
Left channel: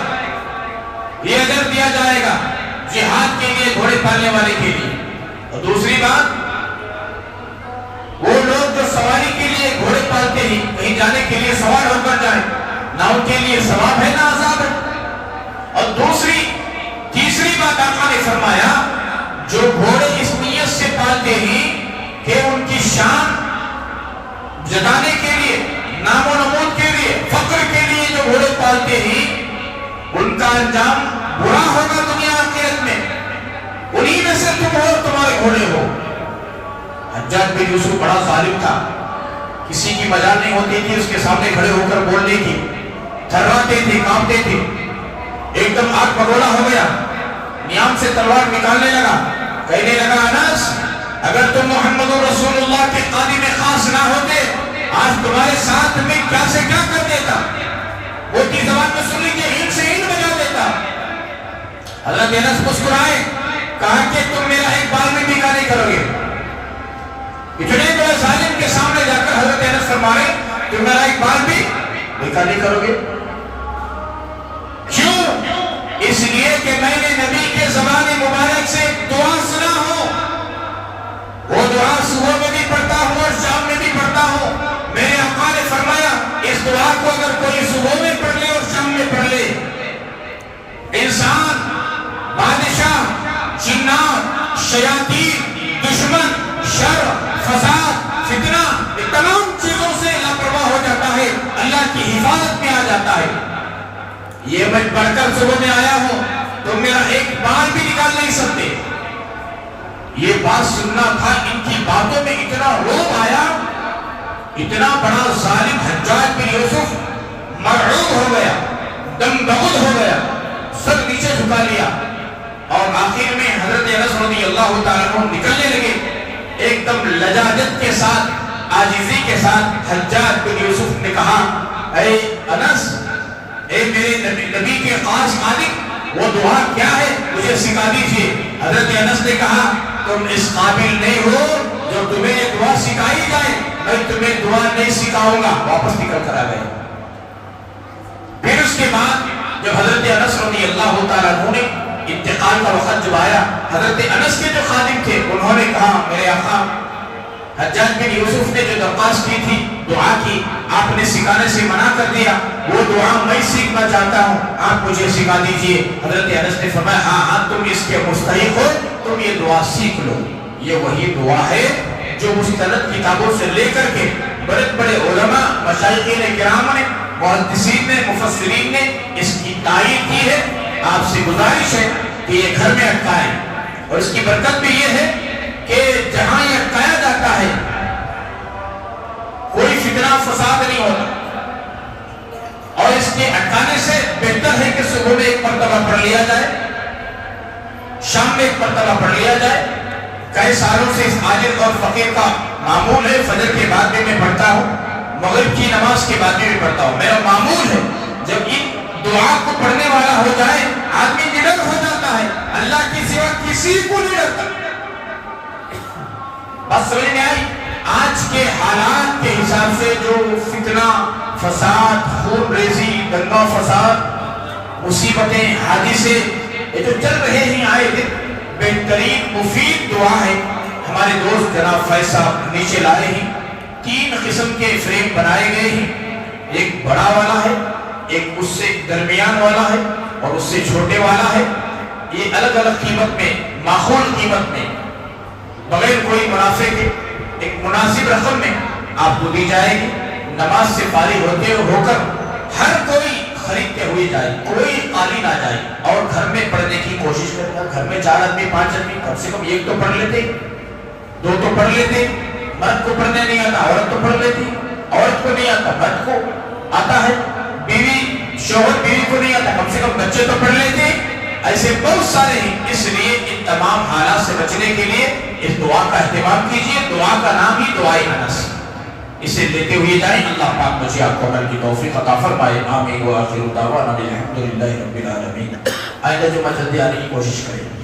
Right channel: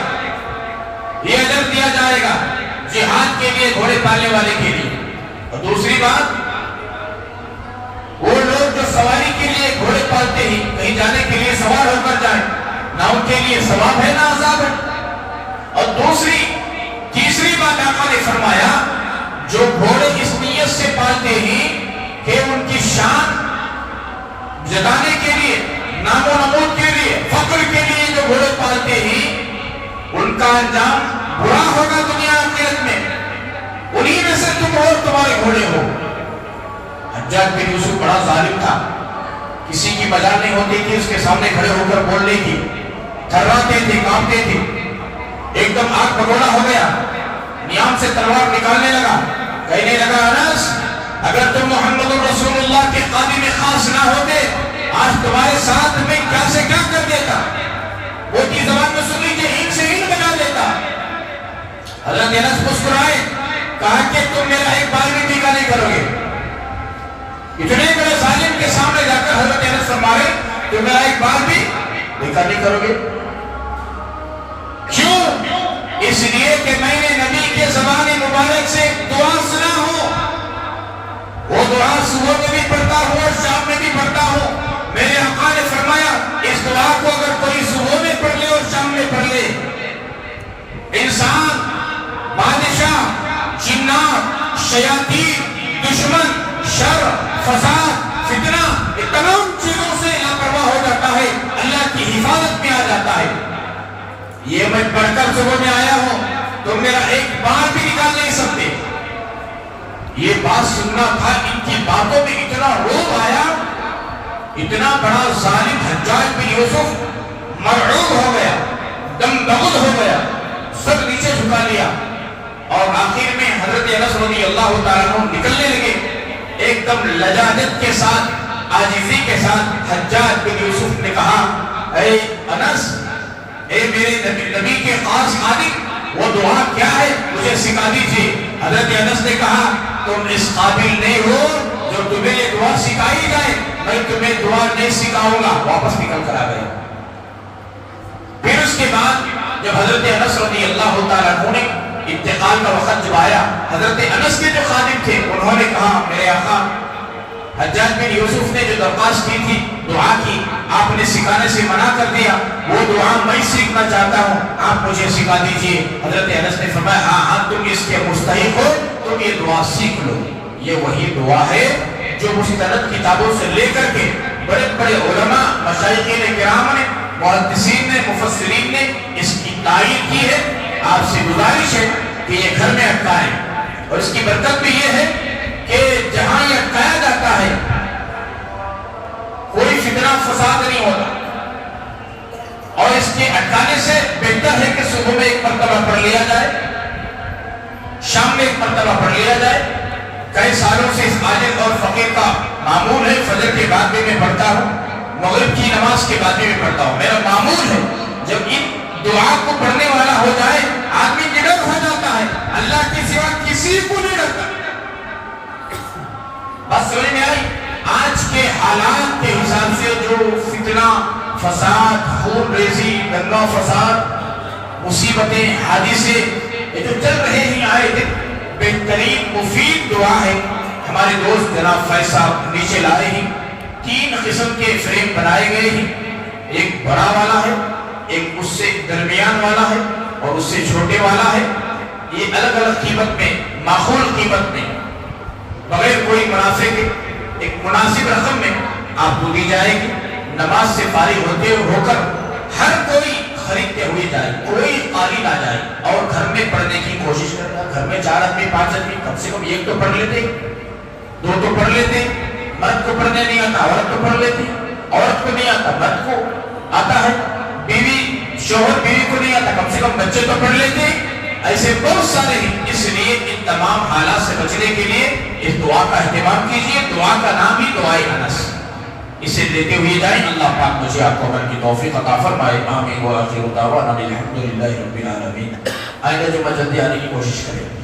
یہ اجر دیا جائے گا جہاد کے لیے گھوڑے پالنے والے کے لیے. اور دوسری بات وہ لوگ جو سواری کے لیے گھوڑے پالتے ہیں، کہیں جانے کے لیے سوار ہو کر جائیں، نہ ان کے لیے ثواب ہے نہ عذاب ہے. اور تیسری بات آقا نے فرمایا جو گھوڑے اس نیت سے پالتے ہیں کہ ان کی شان جتانے کے لیے، نام و نمود کے لیے، فخر کے لیے جو گھوڑے پالتے ہیں ان کا انجام برا ہوگا دنیا آخرت میں. انہی میں سے تم اور تمہارے گھوڑے ہو. حجاج بن یوسف بڑا ظالم تھا، کسی کی مجال نہیں ہوتی تھی اس کے سامنے کھڑے ہو کر بولنے کی. تھرواتے تھے، کانپتے تھے. ایک دم آگ بگولا ہو گیا، نیام سے تلوار نکالنے لگا، کہنے لگا انس اگر تم محمد رسول اللہ کے خادم خاص نہ ہوتے آج تمہارے ساتھ میں کیا سے کیا کر دیتا. وہ کی زبان میں سنی کہ ہین سے ہین بجا دیتا. حضرت انس مسکرائے کہا کہ تم میرا ایک بال بھی ٹھیکا نہیں کرو گے. اتنے بڑے ظالم کے سامنے جا کر حضرت انس فرمائے تم میرا ایک بال بھی ٹھیکا نہیں کرو گے. کیوں؟ اس لیے کہ میں نے نبی کے زبان مبارک سے دعا سنا ہو. وہ دعا صبح میں بھی پڑھتا ہوں اور شام میں بھی پڑھتا ہوں. میرے آقا نے فرمایا اس دعا کو اگر کوئی صبح میں پڑھ لے اور شام میں پڑھ لے، انسان، بادشاہ، جنات، شیاطین، دشمن، شر، فساد، فتنہ، یہ تمام چیزوں سے لاپرواہ ہو جاتا ہے، اللہ کی حفاظت میں آ جاتا ہے. یہ میں پڑھ کر صبح میں آیا ہوں، تم میرا ایک بال بھی نکال نہیں سکتے. یہ بات سننا تھا. ان کی باتوں میں اتنا روب آیا، اتنا بڑا ظالم حجاج بن یوسف مرعوب ہو گیا، دم بغل ہو گیا، سر نیچے جھکا لیا. اور آخر میں حضرت انس رضی اللہ تعالیٰ عنہ نکلنے لگے. ایک دم لجاجت کے ساتھ، عاجزی کے ساتھ حجاج بن یوسف نے کہا اے انس، اے میرے نبی کے خاص خادم، وہ دعا کیا ہے مجھے سکھا دیجئے. حضرت انس نے کہا تم اس قابل نہیں ہو جو تمہیں یہ دعا سکھائی جائے، میں تمہیں دعا نہیں سکھاؤں گا. واپس نکل کر آ گئے. پھر اس کے بعد جب حضرت انس رضی اللہ تعالیٰ عنہ نے انتقال کا وقت جب آیا، حضرت انس کے جو خادم تھے انہوں نے کہا میرے آقا حجاج بن یوسف نے جو درخواست کی تھی دعا کی، آپ نے سکھانے سے منع کر دیا، وہ دعا میں سیکھنا چاہتا ہوں، آپ مجھے سکھا دیجئے۔ حضرت انس نے فرمایا ہاں ہاں تم اس کے مستحق ہو، تم یہ دعا سیکھ لو۔ یہ وہی دعا ہے جو مستند کتابوں سے لے کر کے بڑے بڑے علماء، مشائخین کرام نے، محدثین نے، مفسرین نے اس کی تائید کی ہے۔ آپ سے گزارش ہے کہ یہ گھر میں اٹکائیں، اور اس کی برکت بھی یہ ہے کہ جہاں یہ اٹکایا جاتا ہے کوئی فتنہ فساد نہیں ہوتا، اور اس کے اٹکانے سے بہتر ہے کہ صبح میں ایک مرتبہ پڑھ لیا جائے، شام میں ایک مرتبہ پڑھ لیا جائے۔ کئی سالوں سے اس عاجز اور فقیر کا معمول ہے، فجر کے بعد بھی میں پڑھتا ہوں، مغرب کی نماز کے بعد بھی میں پڑھتا ہوں، میرا معمول ہے۔ جب ان دعا کو پڑھنے والا ہو جائے آدمی نڈر ہو جاتا ہے، اللہ کے سوا کسی کو نہیں ڈرتا۔ بس سمجھ میں آئی؟ آج کے حالات کے حساب سے جو فتنہ فساد، خون ریزی، دنگا فساد، مصیبتیں، حادثے یہ جو چل رہے ہیں آئے دن، بہترین مفید دعا ہے۔ ہمارے دوست جناب فیض صاحب نیچے لائے ہیں، 3 قسم کے فریم بنائے گئے ہیں، ایک بڑا والا ہے، ایک اس سے درمیان والا ہے، اور اس سے چھوٹے والا ہے۔ یہ الگ الگ قیمت میں، معقول قیمت میں، بغیر کوئی منافع کے ایک مناسب رقم میں آپ کو دی جائے گی۔ نماز سے فارغ ہوتے ہو کر ہر کوئی خریدتے ہوئے جائے، کوئی خالی نہ جائے، اور گھر میں پڑھنے کی کوشش کرے گا۔ گھر میں 4 آدمی 5 آدمی کم سے کم ایک تو پڑھ لیتے، 2 تو پڑھ لیتے۔ مرد کو پڑھنے نہیں آتا، عورت تو پڑھ لیتی، عورت کو نہیں آتا، مرد کو آتا ہے، بیوی شوہر بیوی کو نہیں آتا، کم سے کم بچے تو پڑھ لیتے۔ ایسے بہت سارے ہیں، اس لیے ان تمام حالات سے بچنے کے لیے اس دعا کا اہتمام کیجئے۔ دعا کا نام ہی دعائے انس، اسے لیتے ہوئے جائیں۔ اللہ پاک مجھے آپ کو عمل کی توفیق عطا فرمائے۔ آمین و آخر دعوانا الحمدللہ رب العالمین۔ آئندہ جمعہ جلدی آنے کی کوشش کریں۔